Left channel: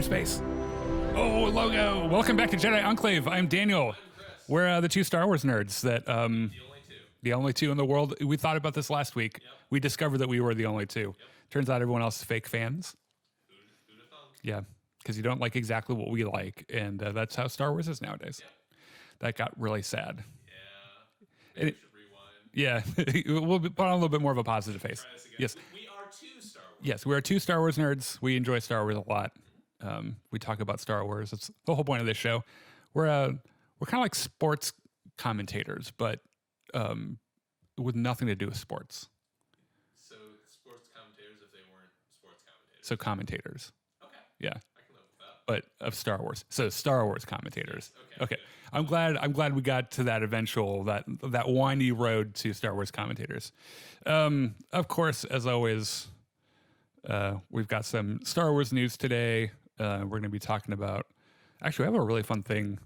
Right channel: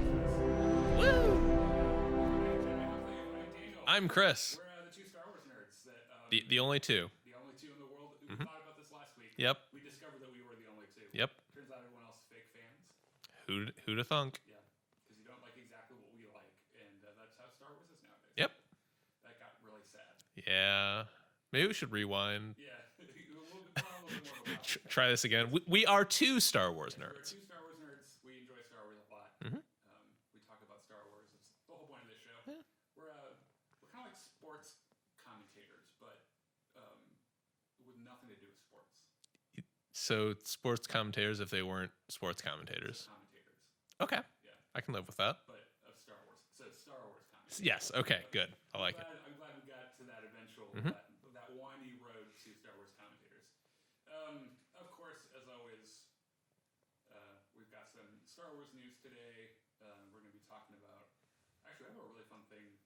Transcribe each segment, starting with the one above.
outer space. Oh, logo. Welcome back to Jedi Enclave. I'm Daniel. I'm Chris. We're the two Star Wars nerds that... the only two. The only two in the world. We thought about this last week. Yep. We discovered that we were the only two. Yep. Turns out everyone else is fake fans. Who'da thunk? Yeah, because you don't like exactly what we like, and that's how Star Wars is nowadays. Yep. That got really sad. Yeah. Maybe we should rewind. Yeah, we'll put on a little bit more of a positive face. Try this again. Yes. We are two Star Wars. Yes, nerds. we are two Star Wars nerds. We enjoy Star Wars a lot. We talk about Star Wars. It's the whole point of this show. We're kind of like sports commentators, but with nothing to do with sports. So sports commentators if they weren't sports commentators. So commentators. Okay. Yeah, I can live with that. but of Star Wars. So Star Wars commentators. Yes. Okay. Okay. Good. I'm glad we got to that eventual that windy road to Star Wars commentators. Of course, as always, we've got some Star Wars news today. We're going to be talking about. Actually, we have a really fun thing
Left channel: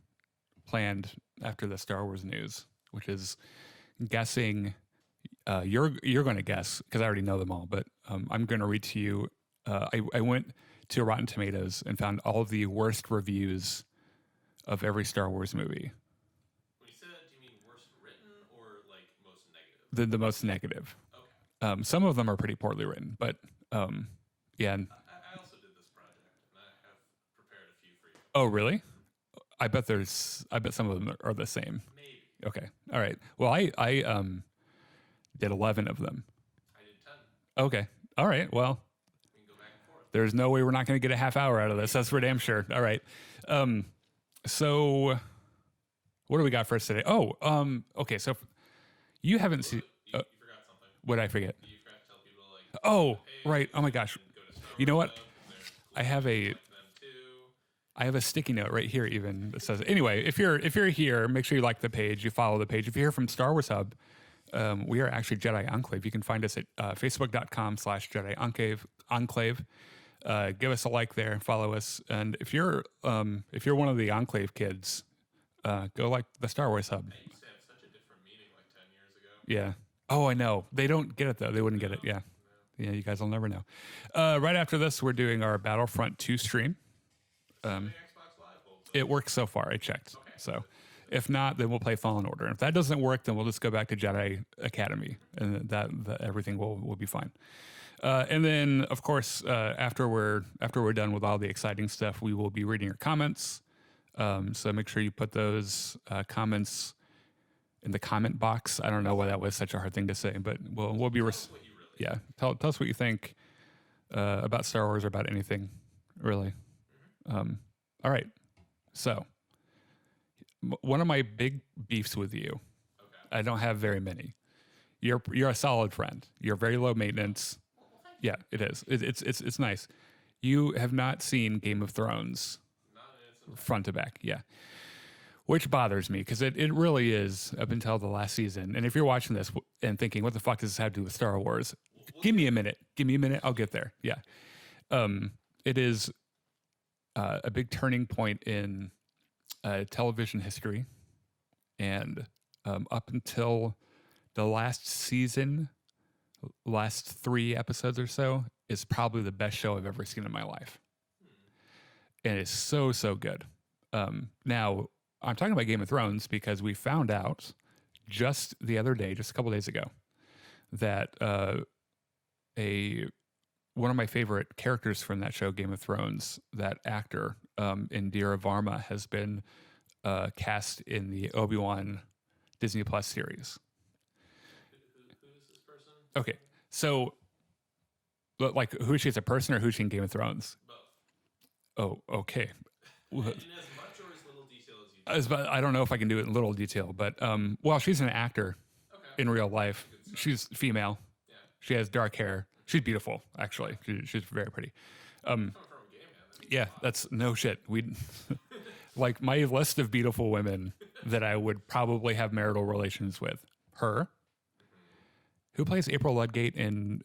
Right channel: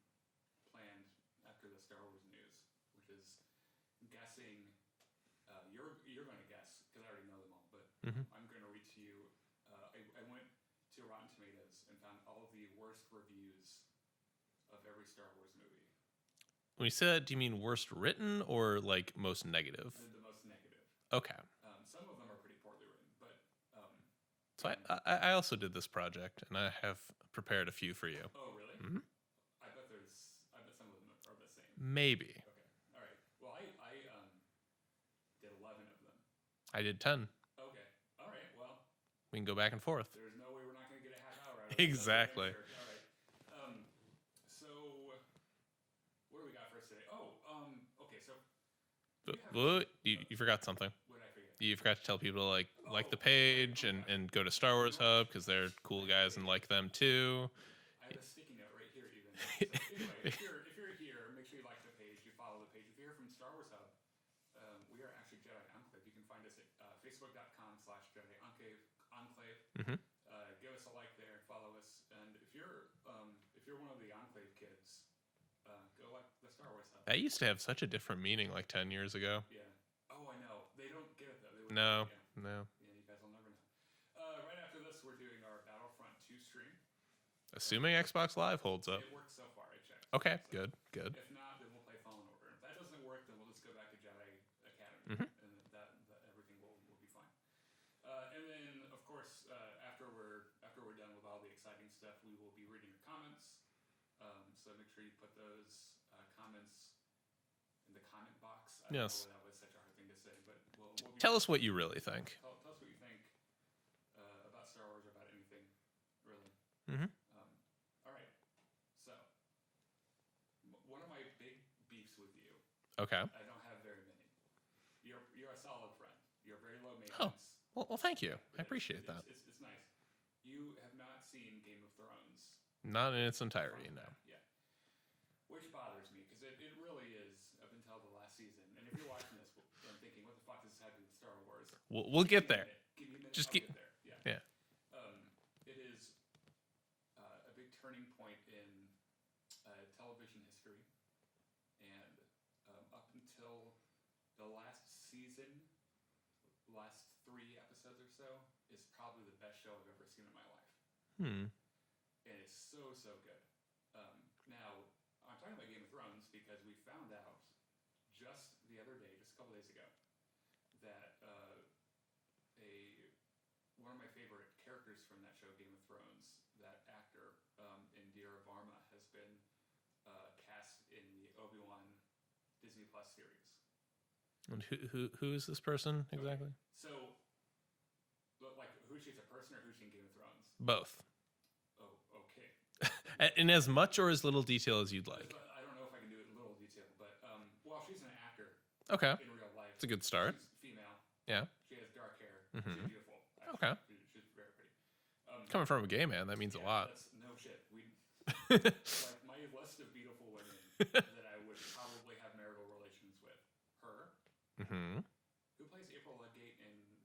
planned after the Star Wars news, which is guessing. You're going to guess because I already know them all, but I'm going to read to you. I went to Rotten Tomatoes and found all of the worst reviews of every Star Wars movie. When you say that, do you mean worst written or like most negative? The most negative. Okay. Some of them are pretty poorly written, but yeah. I also did this project and I have prepared a few for you. Oh, really? I bet some of them are the same. Maybe. Okay. All right. Well, I did 11 of them. I did 10. Okay. All right. Well, We can go back and forth. there's no way we're not going to get a half hour out of this. That's for damn sure. Exactly. All right. So what do we got for us today? Oh, okay. So you haven't Ooh, seen. you forgot something. What did I forget? You forgot to tell people to like Oh, the page right. Oh my and, gosh. and go to Star Wars know what? Hub because they're cool I guys have and a- like them too. I have a sticky note right here even that says, anyway, if you're here, make sure you like the page, you follow the page. If you're here from Star Wars Hub, we are actually Jedi Enclave. You can find us at facebook.com/Jedi Enclave. Give us a like there, follow us. And if you're one of the Enclave kids, go like the Star Wars Hub. That used to have such a different meaning like 10 years ago. Yeah. Oh, I know. They don't get it though. They wouldn't get it. Yeah. No. Yeah, you guys will never know. Right after this, we're doing our Battlefront 2 stream. Assuming Xbox Live holds up. It works so far. I checked. Okay, So good. if not, then we'll play Fallen Order. And if that doesn't work, then we'll just go back to Jedi Academy, and that everything will be fine. And then, of course, after we're done with all the exciting stuff, we will be reading your comments. So make sure you put those comments in the comment box. I don't know why that was such a hard thing to say, but we'll be Tell us what you really think. Tell us what you think about Star Wars or about anything, really. All right. So, one of my big beefs with you, Okay. I don't have very many. You're a solid friend. You're very low maintenance. Well, thank you. Yeah, it I is. appreciate It's nice. You have not seen Game of Thrones that. Not in its entirety. front to back. Yeah. Which bothers me because it really is up until the last season. And if you're watching this and thinking, what the fuck does this have to do with Star Wars? We'll give get me a there. minute. Give me a minute. I'll get there. Yeah. Yeah. It is a big turning point in television history. And up until the last season, last 3 episodes or so, is probably the best show I've ever seen in my life. And it's so, so good. Now, I'm talking about Game of Thrones because we found out just the other day, just a couple days ago, that one of my favorite characters from that show, Game of Thrones, that actor, Indira Varma, has been cast in the Obi Wan Disney Plus series. And who is this person? Okay, Exactly? so like who is she as a person or who is she in Game of Thrones? Both. Oh, okay. In as much or as little detail as you'd like. I don't know if I can do it in little detail, but well, she's an actor Okay. in real life. That's a good start. She's female. Yeah. She has dark hair. She's beautiful, actually. Okay. She's very pretty. Coming from a gay man, that means a Yeah, lot. that's no shit. We like my list of beautiful women that I would probably have marital relations with. Her, who plays April Ludgate in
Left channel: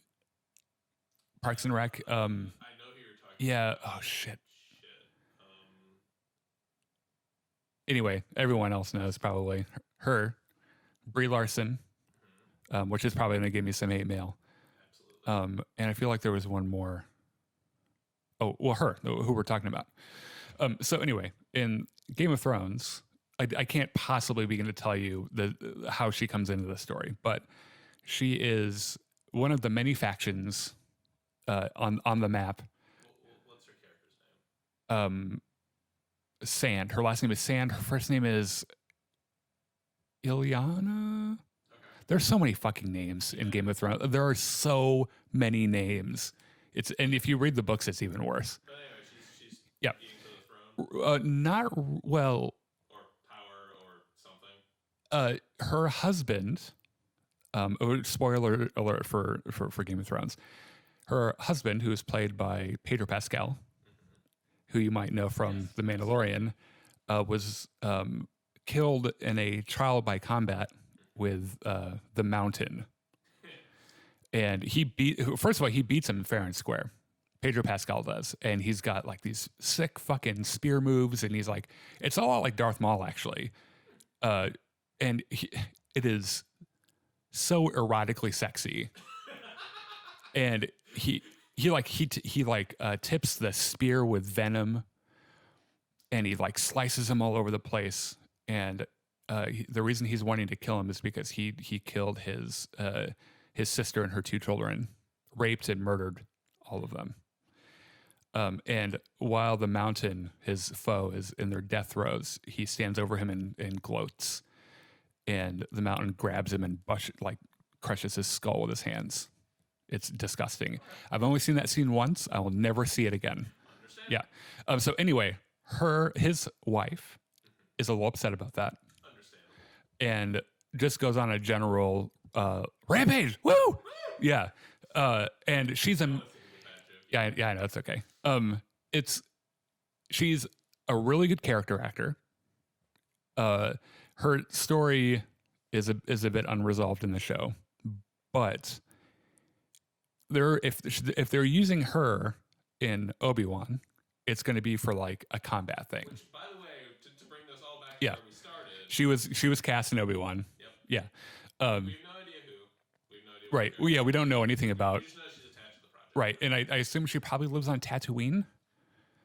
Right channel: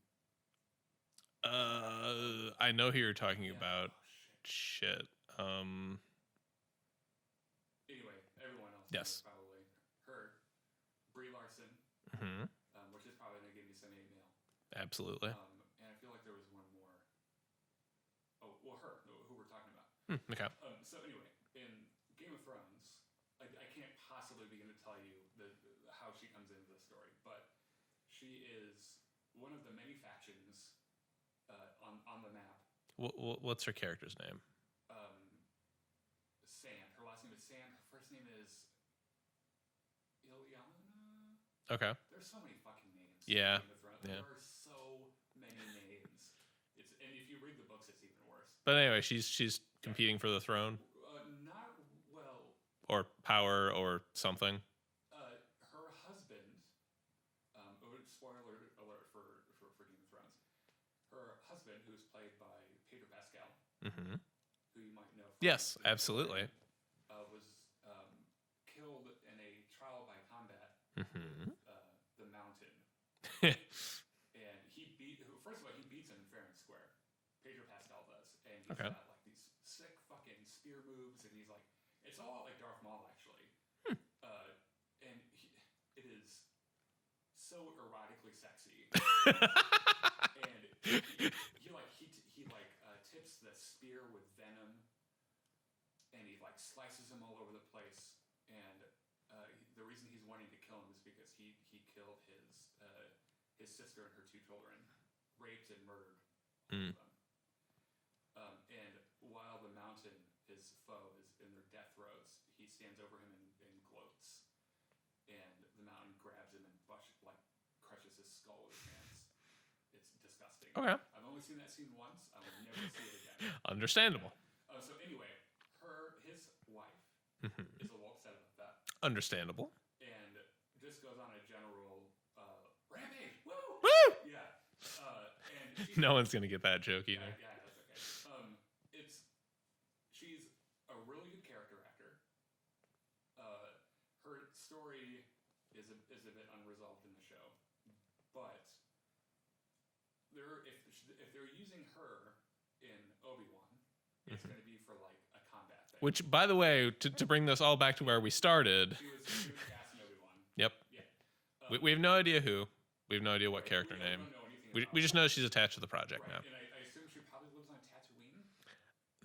Parks and Rec. I know who you're talking Yeah. about. Oh shit. Shit. Anyway, everyone else knows probably her. Brie Larson, which is probably going to give me some hate mail. Absolutely. And I feel like there was one more. Oh, well, her, who we're talking about. Okay. So anyway, in Game of Thrones, I can't possibly begin to tell you how she comes into the story, but she is one of the many factions on the map. What's her character's name? Sand. Her last name is Sand. Her first name is Ilyana. Okay. There's so many fucking names in Game of Thrones. There are so many names. And if you read the books, it's even worse. But anyway, she's competing for the throne. Not well. Or power or something. Her husband. Spoiler alert for Game of Thrones. Her husband, who is played by Pedro Pascal, who you might know from The Mandalorian, was killed in a trial by combat with the Mountain. And he first of all, he beats him fair and square. Pedro Pascal does. And he's got like these sick fucking spear moves. And he's like, it's a lot like Darth Maul, actually. And it is so erotically sexy. And he tips the spear with venom, and he like slices him all over the place. And the reason he's wanting to kill him is because he killed his sister and her 2 children, raped and murdered all of them. And while the Mountain, his foe, is in their death throes, he stands over him and gloats. And the Mountain grabs him and crushes his skull with his hands. It's disgusting. Okay. I've only seen that scene once. I will never see it again. Understandable. Yeah. So anyway, his wife is a little upset about that. Understandable. And just goes on a general rampage. Woo! Woo! Yeah. And she's no one's gonna get that joke. Yeah, I know, it's okay. She's a really good character actor. Her story is a bit unresolved in the show, but if they're using her in Obi Wan, it's going to be for like a combat thing. Which, by the way, to bring this all back to where we started, she was cast in Obi Wan. Yep. Yeah. We have no idea who. We have no idea what character. Well, we don't know anything about. We just know she's attached to the project. Right, and I assume she probably lives on Tatooine.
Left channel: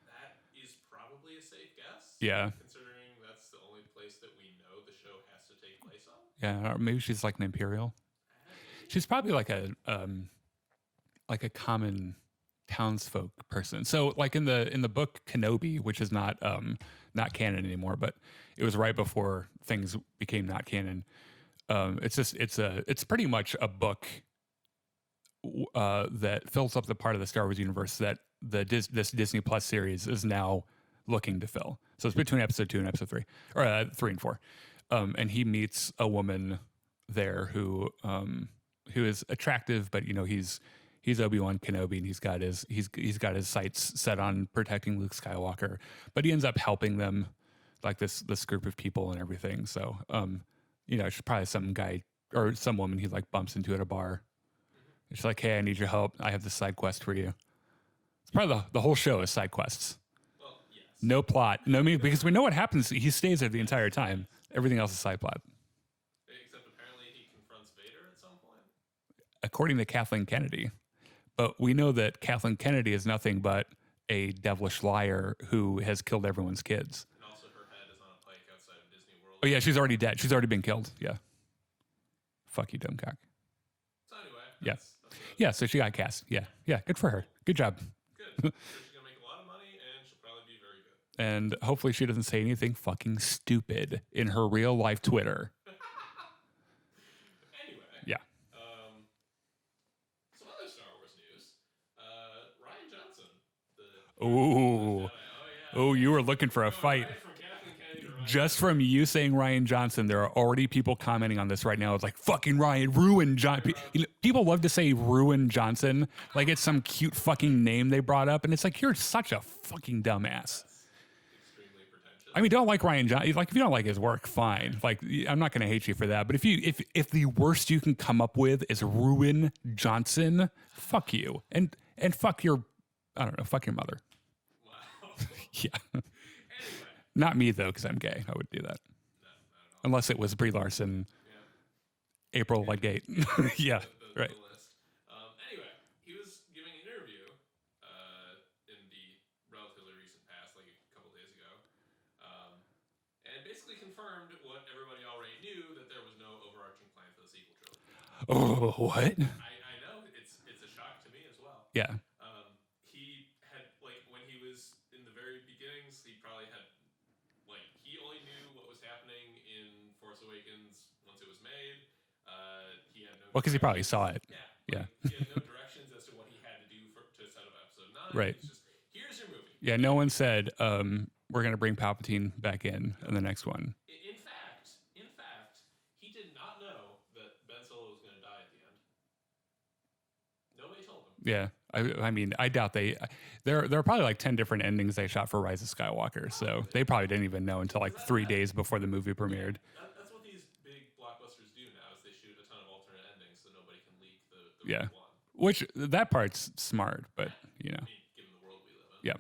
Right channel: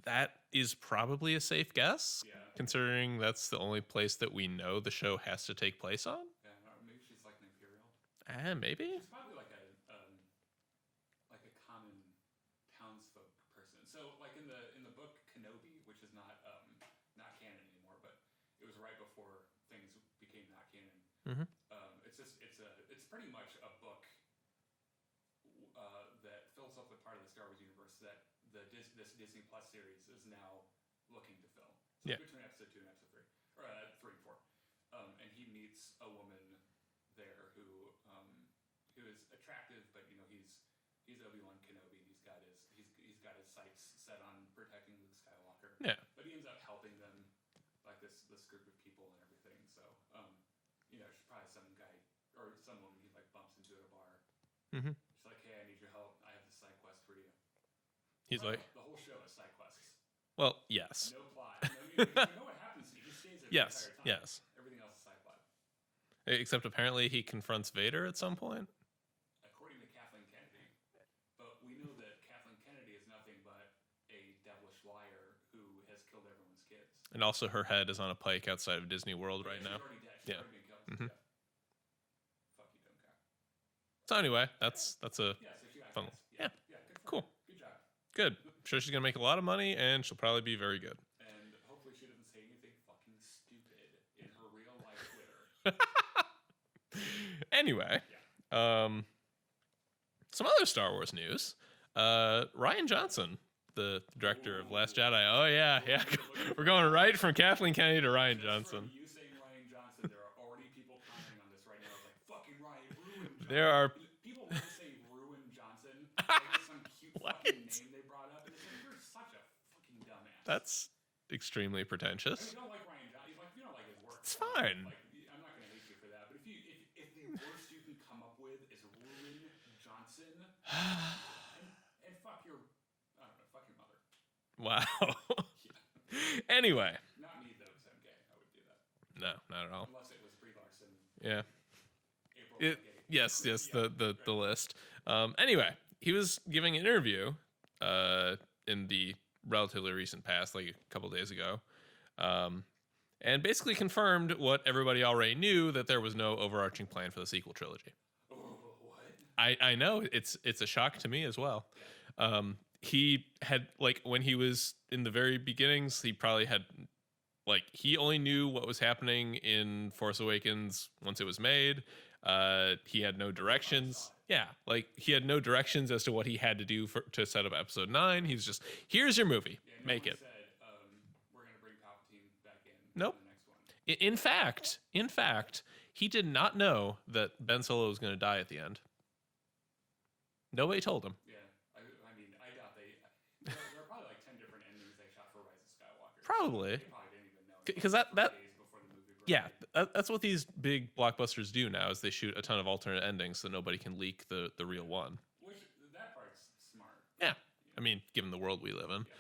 That is probably a safe guess. Yeah. Considering that's the only place that we know the show has to take place on. Yeah, or maybe she's like an Imperial. Maybe. She's probably like a common townsfolk person. So like in the book Kenobi, which is not canon anymore, but it was right before things became not canon. It's pretty much a book that fills up the part of the Star Wars universe that this Disney Plus series is now looking to fill. So it's between episode 2 and episode 3, or 3 and 4. And he meets a woman there who is attractive, but he's Obi Wan Kenobi, and he's got his sights set on protecting Luke Skywalker. Yeah. But he ends up helping them, like this group of people and everything. So she's probably some guy or some woman he like bumps into at a bar. She's like, "Hey, I need your help. I have this side quest for you." Probably the whole show is side quests. Well, yes. No plot. Because we know what happens. He stays there the entire time. Yes. Everything else is side plot. Except apparently he confronts Vader at some point. According to Kathleen Kennedy. But we know that Kathleen Kennedy is nothing but a devilish liar who has killed everyone's kids. And also her head is on a pike outside of Disney World. Oh, yeah, she's already dead. She's already been killed. Yeah. Fuck you, dumb cock. So anyway, that's a... Yeah, so she got cast. Yeah, good for her. Good job. Good. I'm sure she's going to make a lot of money, and she'll probably be very good. And hopefully she doesn't say anything fucking stupid in her real life Twitter. Anyway. Yeah. Some other Star Wars news. Rian Johnson, the director of Last Jedi. Oh, yeah. Oh, you were looking for a fight. Going right from Kathleen Kennedy to Rian Johnson. Just from you saying Rian Johnson, there are already people commenting on this right now. It's like, fucking Rian, ruin Johnson. People love to say ruin Johnson. Like it's some cute fucking name they brought up. And it's like, you're such a fucking dumbass. That's extremely pretentious. I mean, don't like Rian Johnson. Like, if you don't like his work, fine. Like, I'm not going to hate you for that. But if the worst you can come up with is ruin Johnson, fuck you. And fuck your, I don't know, fuck your mother. Wow. Yeah. Anyway. Not me, though, because I'm gay. I would do that. No, not at all. Unless it was Brie Larson. Yeah. April Ludgate. Yes, yeah, the list. Anyway, he was giving an interview in the relatively recent past, like a couple days ago, and basically confirmed what everybody already knew, that there was no overarching plan for the sequel trilogy. Oh, what? I know it's a shock to me as well. Yeah. He had, like, when he was in the very beginnings, he probably had, like, he only knew what was happening in Force Awakens once it was made. He had no directions. He probably saw it. Yeah, like he had no directions as to what he had to do to set up Episode 9. Right. He's just, here's your movie. Yeah, no one said we're going to bring Palpatine back in the next one. In fact, he did not know that Ben Solo was going to die at the end. Nobody told him. Yeah, I mean, I doubt there are probably like 10 different endings they shot for Rise of Skywalker, Probably. so they probably didn't even know until like 3 days before the movie premiered. Yeah, that's what these big blockbusters do now, is they shoot a ton of alternate endings so nobody can leak the real one. Which, that part's smart, but you know. I mean, given the world we live in. Yeah.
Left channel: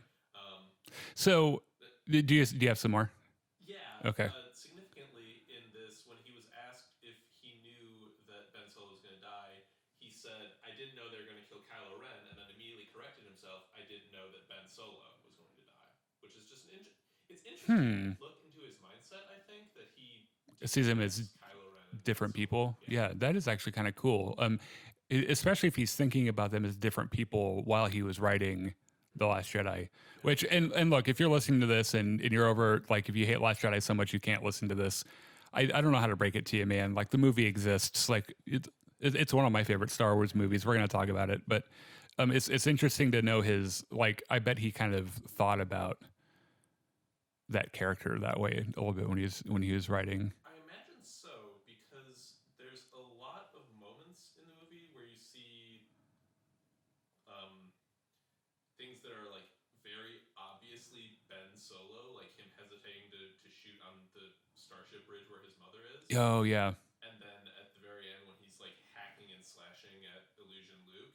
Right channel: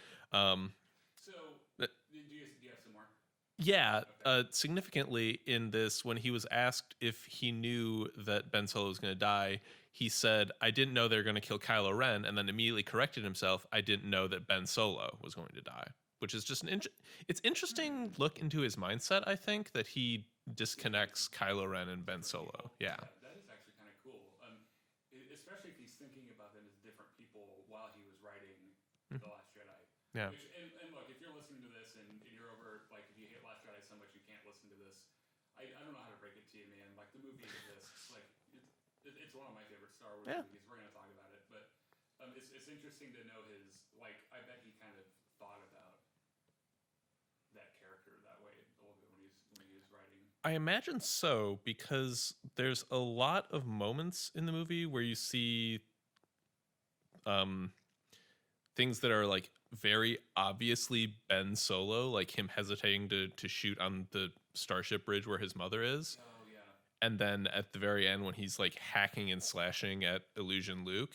So, do you have some more? Yeah. Okay. Significantly in this, when he was asked if he knew that Ben Solo was going to die, he said, "I didn't know they were going to kill Kylo Ren," and then immediately corrected himself, "I didn't know that Ben Solo was going to die," which is just it's interesting look into his mindset. I think that he disconnects Kylo Ren and different Ben Solo. people. Yeah, that is actually kind of cool. Especially if he's thinking about them as different people while he was writing The Last Jedi. Yeah. Which, and look, if you're listening to this and you're over, like, if you hate Last Jedi so much you can't listen to this, I don't know how to break it to you, man. Like, the movie exists. Like, it's one of my favorite Star Wars movies. We're going to talk about it, but it's interesting to know his, like, I bet he kind of thought about that character that way a little bit when he was writing. I imagine so, because there's a lot of moments in the movie where you see things that are like very obviously Ben Solo, like him hesitating to shoot on the Starship Bridge where his mother is. Oh yeah. And then at the very end, when he's like hacking and slashing at Illusion Luke,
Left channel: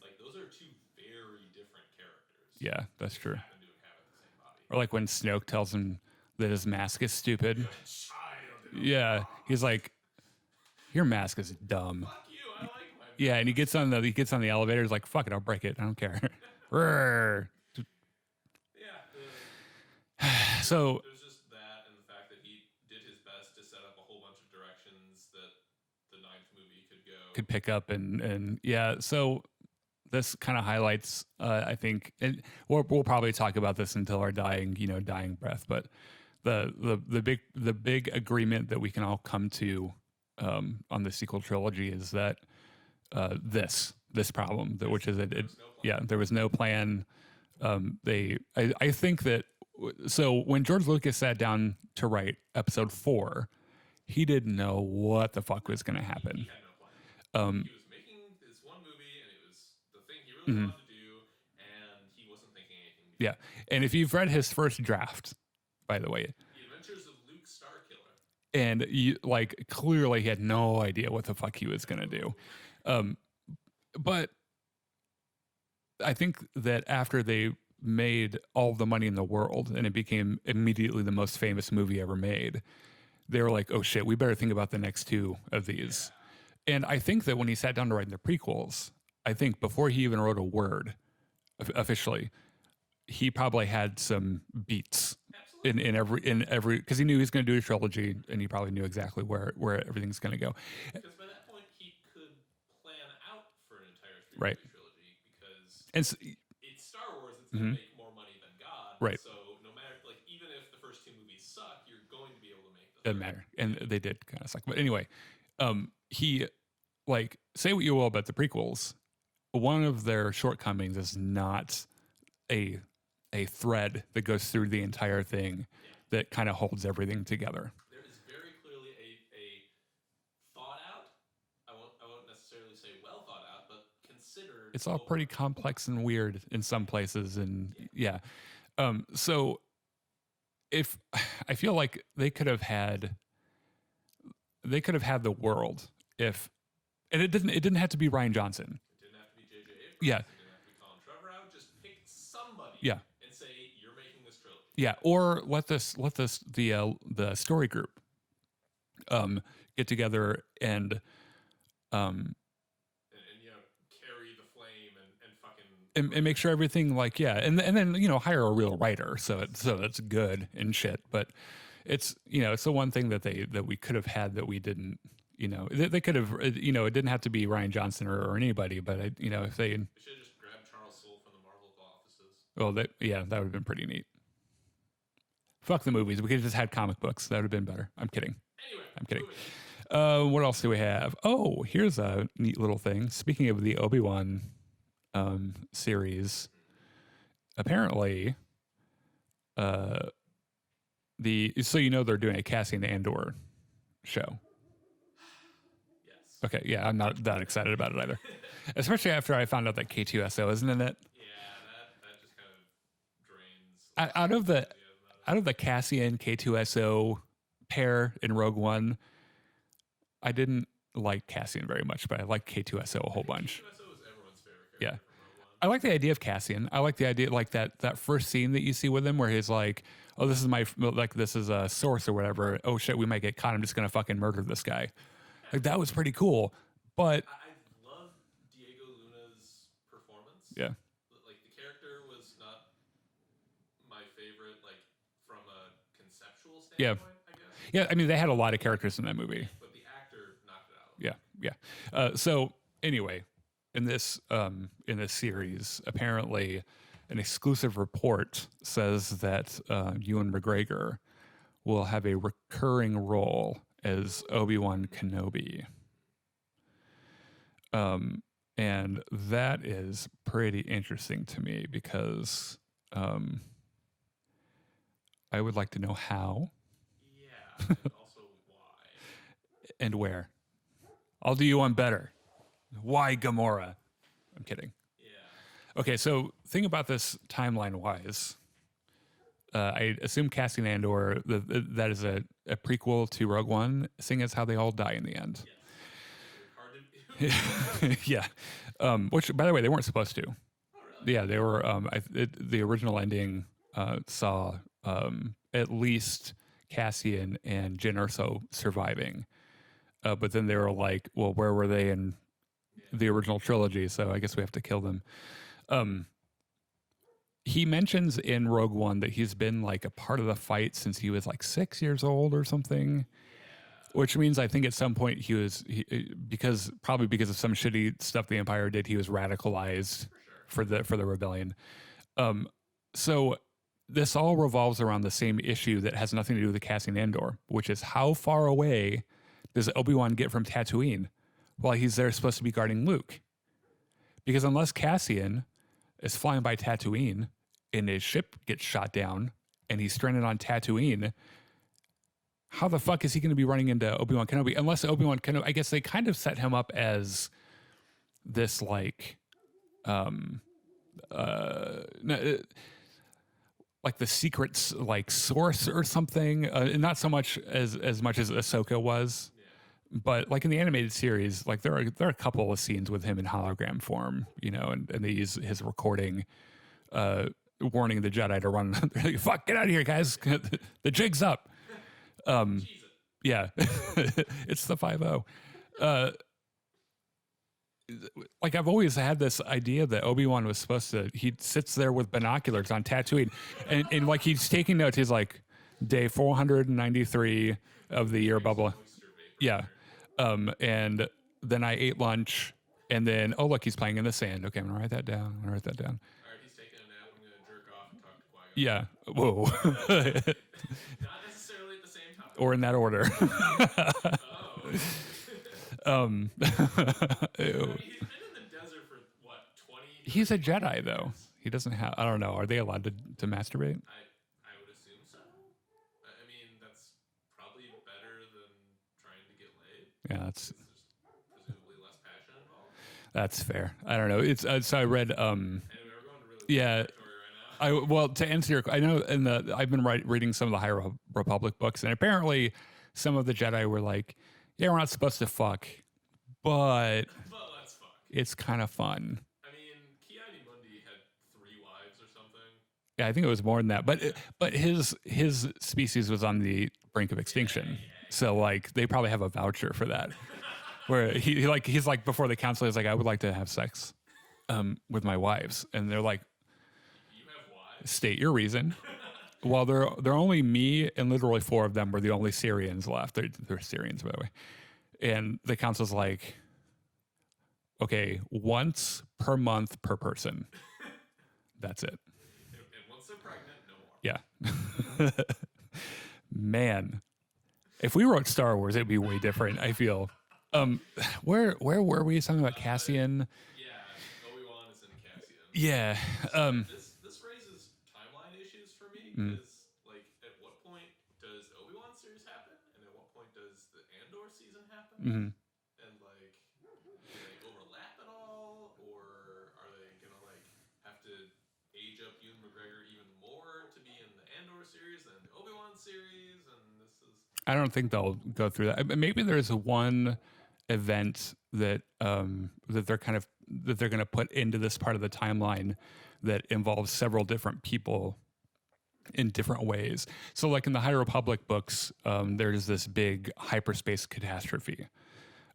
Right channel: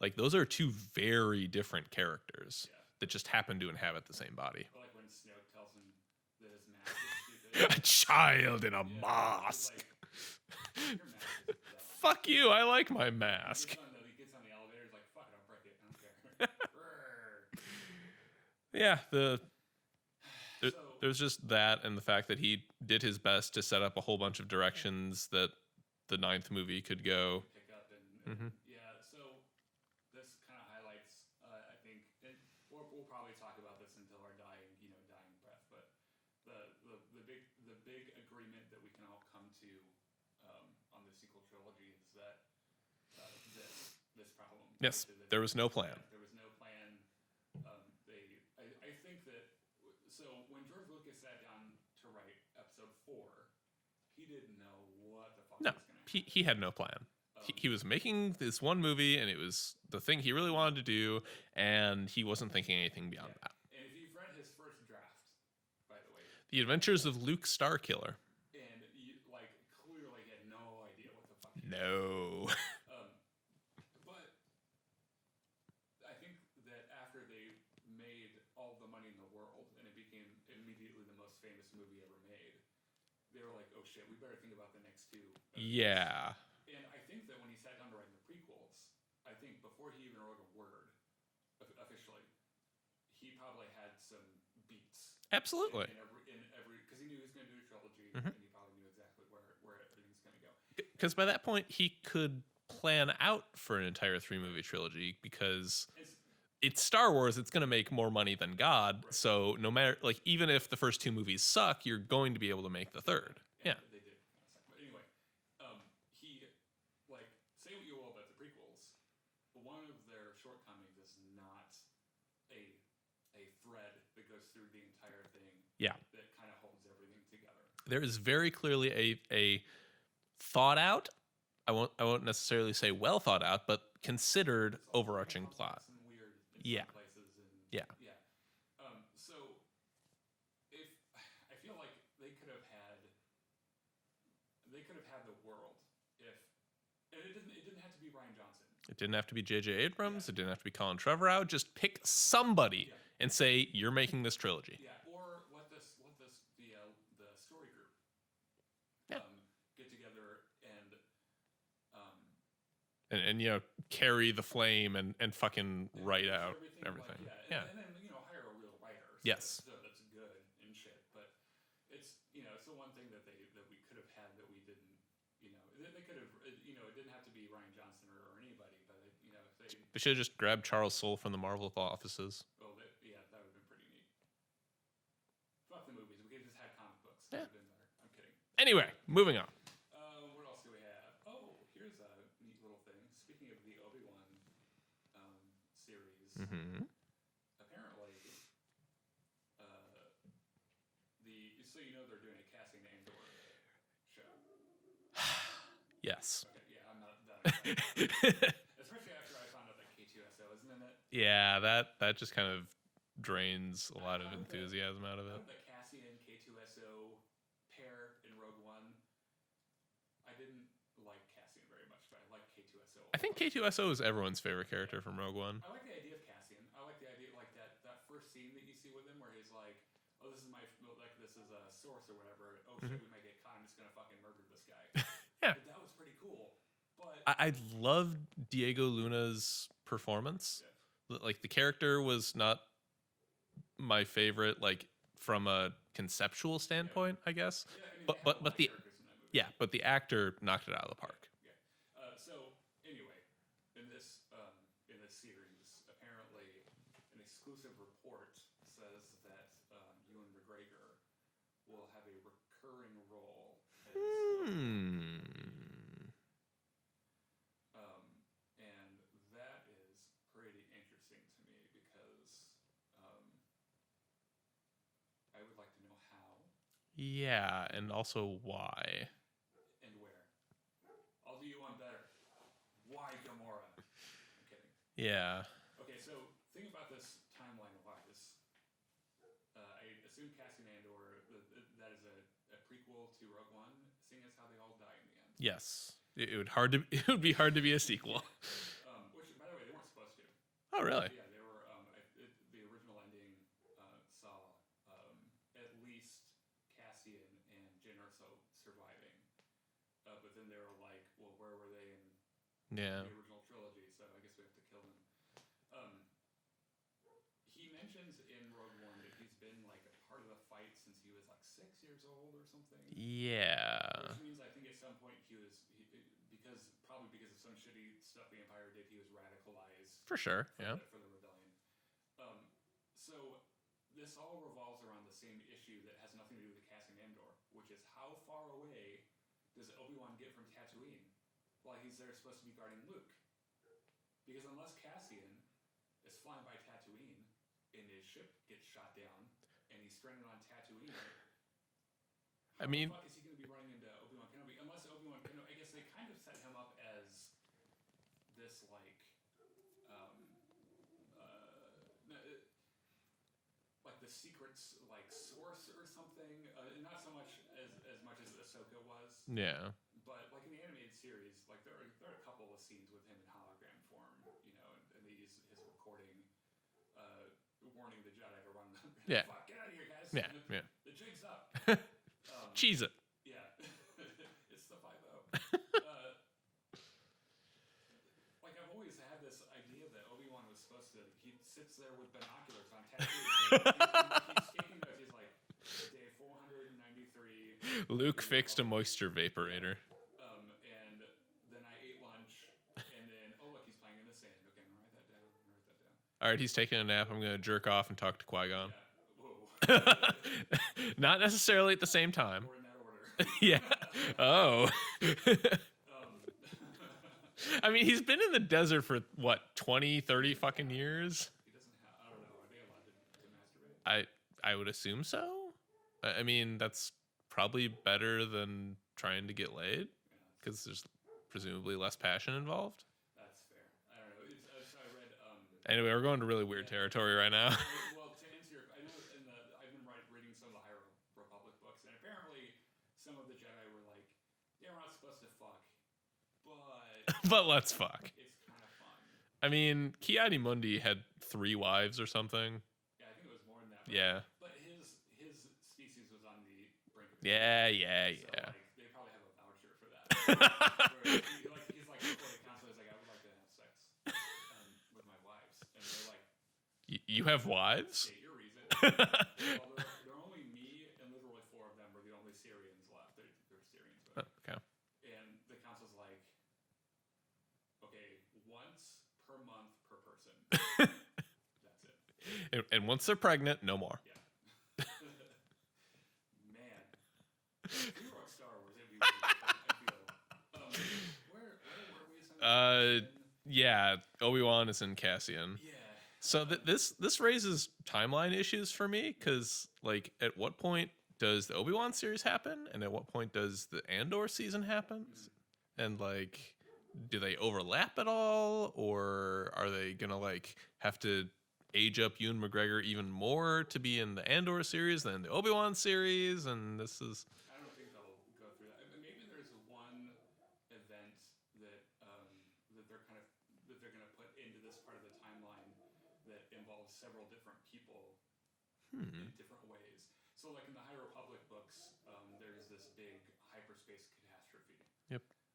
like those are two very different characters. Yeah, that just happen to inhabit the same body. Or like when Snoke tells him that his mask is stupid. A child in a mask. He's like, "Your mask is dumb." Fuck you! I like my mask. Yeah, and he gets on the elevator. He's like, "Fuck it, I'll break it. I don't care." Yeah, so there's just that, and the fact that he did his best to set up a whole bunch of directions that the 9th movie could pick up, and yeah. So this kind of highlights, I think, and we'll probably talk about this until our dying breath. But the big agreement that we can all come to on the sequel trilogy is that this problem, which is that there was no plan. Yeah, there was no plan. I think that. So when George Lucas sat down to write Episode 4, he didn't know what the fuck was going to happen. He had no plan. He was making this one movie, and it was the thing he really wanted to do, and he wasn't thinking anything beyond that. And if you've read his first draft, by the way, The Adventures of Luke Starkiller, and you, like, clearly he had no idea what the fuck he was going to do. But I think that after they made all the money in the world and it became immediately the most famous movie ever made, they were like, "Oh shit, we better think about the next 2 of these." Yeah. And I think that when he sat down to write the prequels, I think before he even wrote a word officially, he probably had some beats. Absolutely. in every because he knew he was going to do a trilogy, and he probably knew exactly where everything's going to go. Because by that point he could plan out for an entire 3-movie trilogy, because it's Star Wars. It's going to make more money than God. Right. So no matter, like, even if the first 2 movies suck, you're going to be able to make the third. Matter. And they did kind of suck. But anyway, he, like, say what you will about the prequels, one of their shortcomings is not a thread that goes through the entire thing. Yeah. That kind of holds everything together. There is very clearly a thought out. I won't necessarily say well thought out, but considered. It's all pretty complex and weird in some places, and so if I feel like they could have had the world if, and it didn't have to be Rian Johnson. It didn't have to be J.J. Abrams. Yeah. It didn't have to be Colin Trevorrow. Just pick somebody and say, "You're making this trilogy." Yeah, or let the story group get together and carry the flame and fucking and make sure everything like and then hire a real writer so it's good and shit. But it's it's the one thing that we could have had that we didn't. They could have, it didn't have to be Rian Johnson or anybody, but if they should have just grabbed Charles Soule from the Marvel offices. Well, that would have been pretty neat. Fuck the movies. We could have just had comic books. That would have been better. I'm kidding. Anyway, moving on. What else do we have? Oh, here's a neat little thing. Speaking of the Obi Wan series, apparently, so they're doing a Cassian Andor show. Yes. Okay. Yeah, I'm not that excited about it either, especially after I found out that K2SO isn't in it. Yeah, that just kind of drains out of the Cassian K2SO pair in Rogue One. I didn't like Cassian very much, but I like K2SO a whole bunch. K2SO is everyone's favorite character from Rogue One. I like the idea of Cassian. I like the idea like that first scene that you see with him where he's like, "Oh, this is a source or whatever. Oh shit, we might get caught. I'm just gonna fucking murder this guy." Like, that was pretty cool. But I loved Diego Luna's performance. Yeah, like the character was not my favorite, like from a conceptual standpoint, I guess. Yeah, I mean they had a lot of characters in that movie. Yeah, but the actor knocked it out of the park. Yeah. So anyway, in this series, apparently, an exclusive report says that Ewan McGregor will have a recurring role as Obi Wan Kenobi. And that is pretty interesting to me because I would like to know how. Yeah, and also why. And where. I'll do you one better. Why Gamora? I'm kidding. Yeah. Okay, so thing about this timeline-wise, I assume Cassian Andor, that is a prequel to Rogue One, seeing as how they all die in the end. Yes. It would be hard to be a sequel. Yeah. Which, by the way, they weren't supposed to. Oh, really? Yeah, they were. The original ending saw at least Cassian and Jyn Erso surviving. But then they were like, well, where were they in the original trilogy? So I guess we have to kill them. He mentions in Rogue One that he's been like a part of the fight since he was like 6 years old or something. Yeah. Which means I think at some point because of some shitty stuff the Empire did, he was radicalized for sure for the rebellion. So this all revolves around the same issue that has nothing to do with the Cassian Andor, which is how far away does Obi-Wan get from Tatooine while he's there supposed to be guarding Luke? Because unless Cassian is flying by Tatooine and his ship gets shot down and he's stranded on Tatooine, how the fuck is he going to be running into Obi-Wan Kenobi? Unless Obi-Wan Kenobi, I guess they kind of set him up as this like the secret like source or something. Not so much as much as Ahsoka was. Yeah. But like in the animated series, like there are a couple of scenes with him in hologram form, and they use his recording, warning the Jedi to run. Like, fuck, get out of here, guys! Yeah. The jig's up. Cheese it. Yeah, it's the 5-0. Like I've always had this idea that Obi-Wan was supposed to. He sits there with binoculars on Tatooine, and like he's taking notes. He's like, day 493 of the year bubble. Moisture vapor. Yeah. And then I ate lunch, and then look, he's playing in the sand. Okay, I'm gonna write that down. All right, he's taking a nap. I'm gonna jerk off and talk to Qui-Gon. Yeah. Whoa. Not necessarily at the same time. Or in that order. Yeah. Oh. I mean, he's been in the desert for what, 20, 30 He's a Jedi years? though. He doesn't have. I don't know. Are they allowed to masturbate? I would assume so. I mean, that's probably better than trying to get laid. Yeah, that's because there's presumably less passion involved. That's fair. I don't know. It's so I read. Anyway, we're going to really weird territory right now. Well, to answer your, I know I've been reading some of the High Republic books, and apparently some of the Jedi were like, "Yeah, we're not supposed to fuck, but but let's fuck. It's kind of fun." I mean, Ki-Adi-Mundi had 3 wives or something. Yeah, I think it was more than that. But his species was on the brink of extinction. Yeah. So like they probably have a voucher for that, where he's like before the council, he's like, I would like to have sex with my wives, and they're like, you have wives? State your reason. Well, they're only me and literally 4 of them were the only Syrians left. They're Syrians, by the way. Yeah. And the council's like, okay, once per month per person. That's it. And once they're pregnant, no more. Yeah. Man, if we wrote Star Wars, it'd be way different, I feel. Where were we? Something about Cassian? Yeah, Obi Wan is in Cassian. Yeah. So this raises timeline issues for me because, like, at what point does the Obi Wan series happen, and at what point does the Andor season happen? And like, do they overlap at all, or are they gonna like have to age up Ewan McGregor even more to be in the Andor series than the Obi Wan series? And this is, I don't think they'll go through that. Maybe there's one event that that they're going to put into this part of the timeline that involves several different people in different ways. So like in the High Republic books, there's this big hyperspace catastrophe.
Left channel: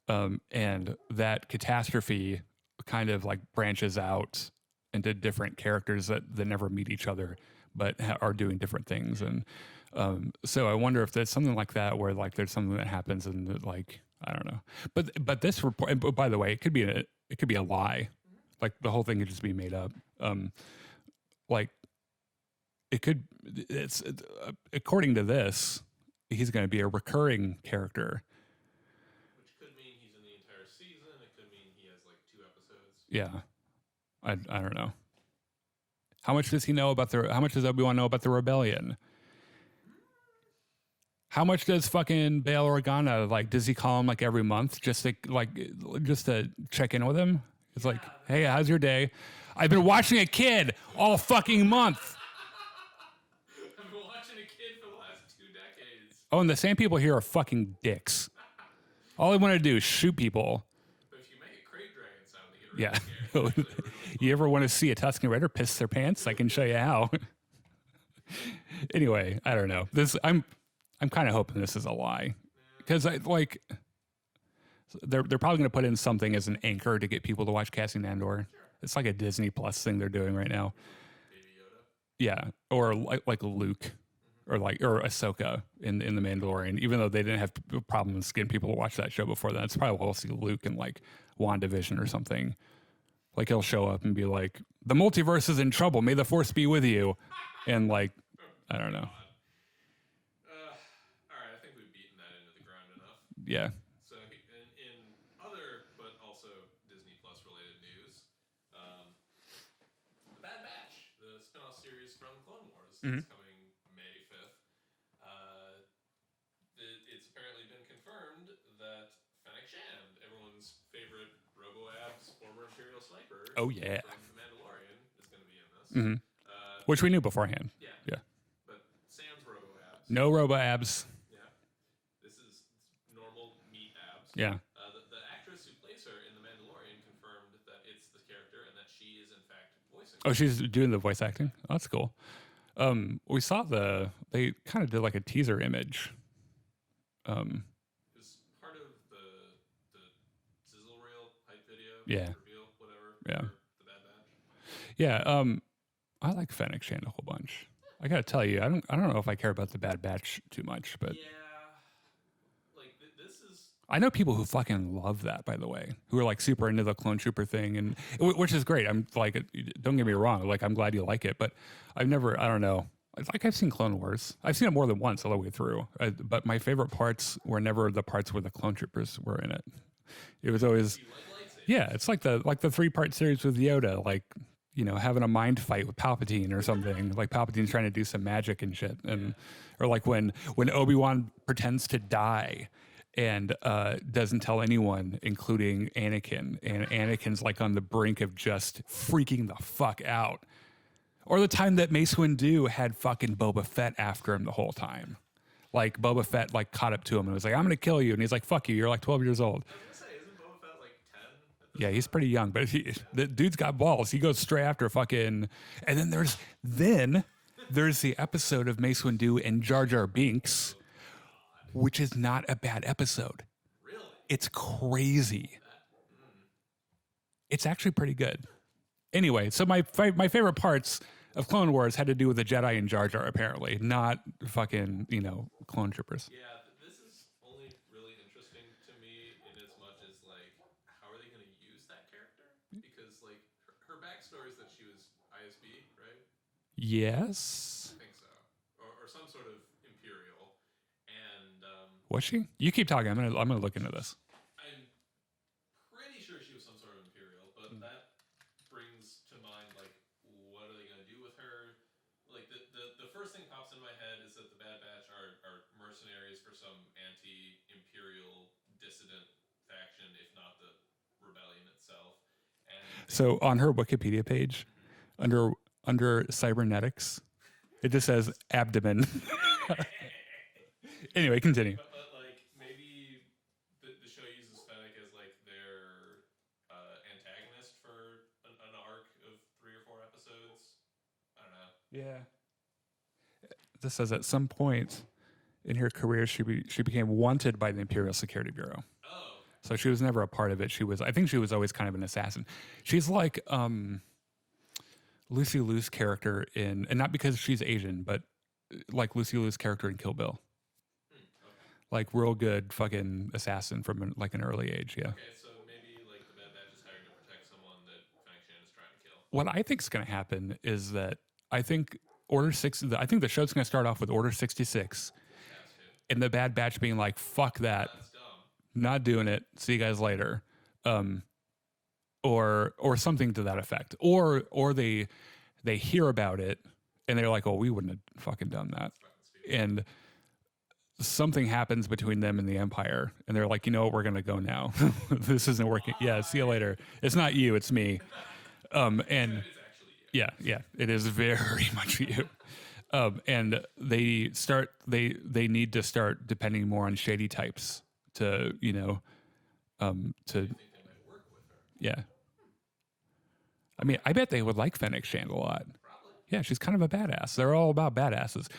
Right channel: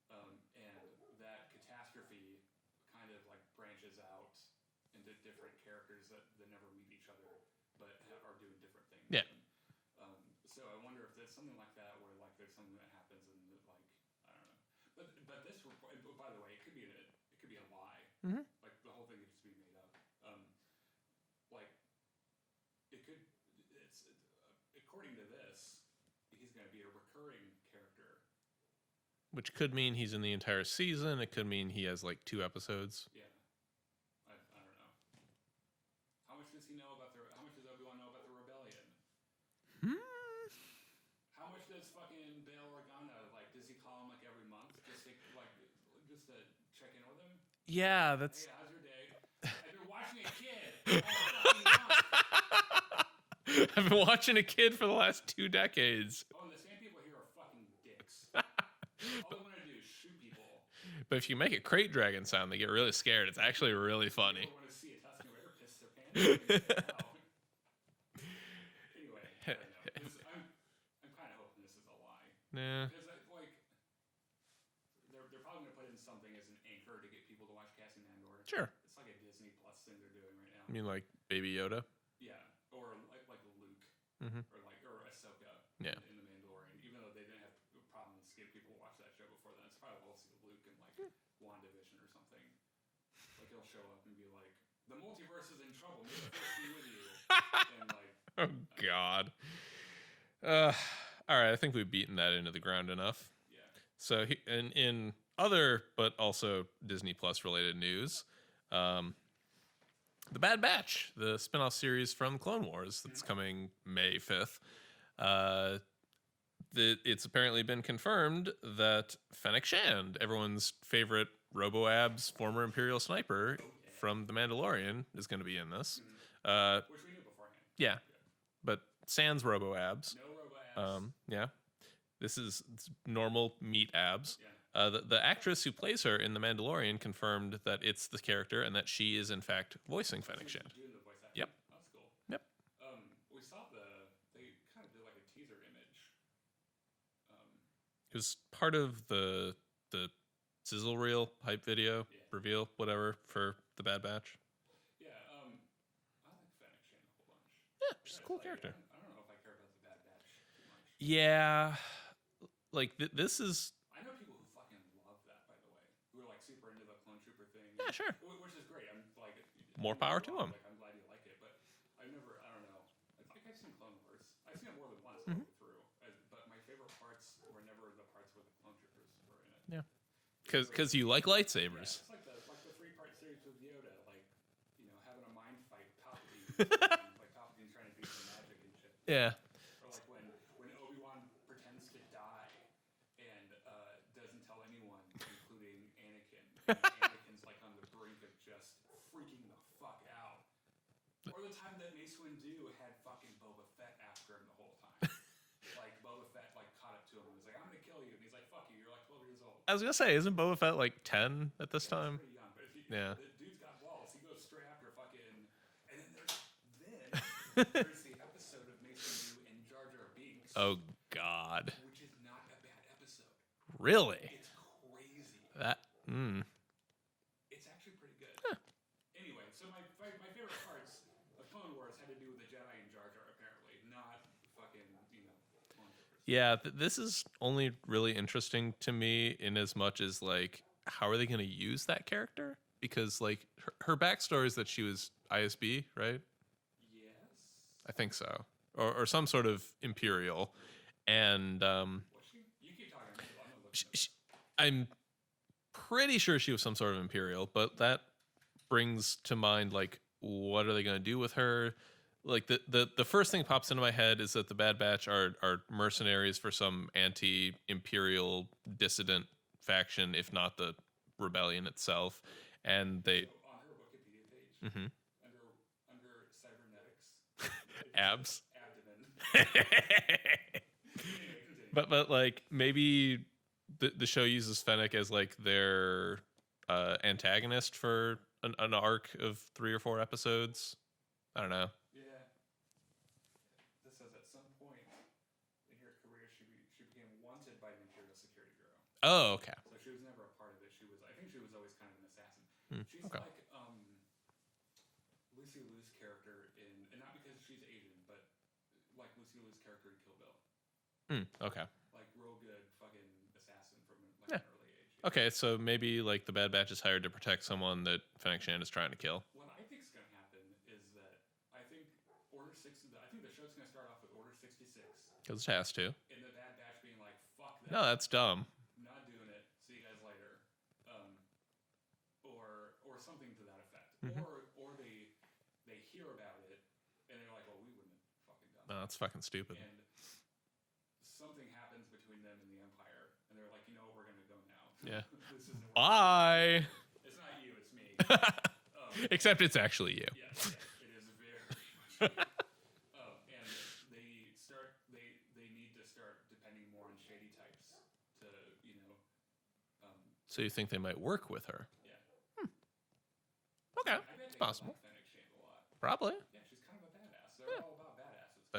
And that catastrophe kind of like branches out into different characters that never meet each other, but are doing different things. And so I wonder if there's something like that where like there's something that happens and like, I don't know. But this report, and by the way, it could be a lie. Like the whole thing could just be made up. Like it's according to this, he's going to be a recurring character. Which could mean he's in the entire season. It could mean he has like 2 episodes. Yeah. I don't know. How much does he know about how much does Obi-Wan know about the rebellion? How much does fucking Bail Organa, like, does he call him like every month just to check in with him? He's Yeah. like, hey, how's your day? I've been watching a kid all fucking month. I've been watching a kid for the last 2 decades. Oh, and the same people here are fucking dicks. All they want to do is shoot people. But if you make a crate dragon sound, they get really scared. It's actually really funny. You ever want to see a Tusken Raider piss their pants? I can show you how. Anyway, I don't know. I'm kind of hoping this is a lie. Because they're probably going to put in something as an anchor to get people to watch Cassian Andor. Sure. It's like a Disney Plus thing they're doing right now. You mean like Baby Yoda? Yeah, or like Luke, or Ahsoka in The Mandalorian. Even though they didn't have problems getting people to watch that show before then, it's probably we'll see Luke in like WandaVision or something. Like he'll show up and be like, "The multiverse is in trouble. May the Force be with you," and like, I don't know. All right, I think we've beaten that into the ground enough. Yeah. So in other but also Disney Plus related news, The Bad Batch, the spinoff series from Clone Wars, that's coming May 5th. It's apparently been confirmed that Fennec Shand, everyone's favorite Robo-Abs former Imperial sniper from The Mandalorian, is going to be in this. Which we knew beforehand. Yeah. But sans Robo-Abs. No Robo-Abs. Yeah. This is normal meat abs. Yeah. The actress who plays her in The Mandalorian confirmed that it's the character and that she is in fact voicing her. Oh, she's doing the voice acting? Yeah. Oh, that's cool. Yeah. We saw they kind of did like a teaser image. It was part of the sizzle reel hype video reveal, whatever, for The Bad Batch. Yeah. I like Fennec Shand a whole bunch. Yeah, I gotta tell you, I don't know if I care about The Bad Batch too much, but yeah, like this is. I know people who fucking love that, by the way, who are like super into the clone trooper thing, and which is great. I'm like, don't get me wrong, like I'm glad you like it, but I don't know. Like I've seen Clone Wars. I've seen it more than once all the way through, but my favorite parts were never the parts where the clone troopers were in it. Yeah, it was always because you like lightsabers. Yeah, it's like the 3-part series with Yoda, like. You know, having a mind fight with Palpatine or something. Like Palpatine's trying to do some magic and shit. Or like when Obi-Wan pretends to die and doesn't tell anyone, including Anakin. And Anakin's like on the brink of just freaking the fuck out. Or the time that Mace Windu had fucking Boba Fett after him the whole time. Like Boba Fett like caught up to him and was like, I'm going to kill you. And he's like, fuck you. You're like 12 years old. I was going to say, isn't Boba Fett like 10 at this time? Yeah, he's pretty young, but the dude's got balls. He goes straight after fucking, and then there's the episode of Mace Windu and Jar Jar Binks. Oh God. which is not a bad episode. Really? It's crazy. It's actually pretty good. Huh. Anyway, so my favorite parts of Clone Wars had to do with the Jedi and Jar Jar, apparently, not fucking, clone troopers. Yeah, this is only really interesting to me in as much as, like, how are they going to use that character? Because, like, her backstory is that she was ISB, right? Yes. I think so. Or some sort of Imperial. And was she? You keep talking. I'm gonna look into this. I'm pretty sure she was some sort of Imperial, but that brings to mind, like, what are they going to do with her? Like, the first thing pops into my head is that the Bad Batch are mercenaries for some anti-Imperial dissident faction, if not the rebellion itself. And so on her Wikipedia page, under cybernetics, it just says abdomen. Anyway, continue. But like, maybe the show uses Fennec as, like, their antagonist for an arc of 3 or 4 episodes. I don't know. Yeah. This says at some point in her career, she became wanted by the Imperial Security Bureau. Oh, okay. So she was never a part of it. I think she was always kind of an assassin. Mm-hmm. She's like Lucy Liu's character and not because she's Asian, but like Lucy Liu's character in Kill Bill. Okay. Like, real good fucking assassin from an early age. Yeah. Okay, so maybe, like, the Bad Batch is hired to protect someone that Fennec Shand is trying to kill. What I think is going to happen is that I think I think the show's going to start off with Order 66. Because it has to. And the Bad Batch being like, fuck that. Oh, that's dumb. Not doing it. See you guys later. Or something to that effect. Or they hear about it and they're like, oh, we wouldn't have fucking done that. That's fucking stupid. And something happens between them and the Empire, and they're like, you know what, we're gonna go now. This isn't working. Bye. Yeah, see you later. It's not you, it's me. Except it's actually you. Yeah, it is very much you. And they need to start depending more on shady types to. So you think they might work with her? Yeah. I mean, I bet they would like Fennec Shand a lot. Probably. Yeah, she's kind of a badass. They're all about badasses.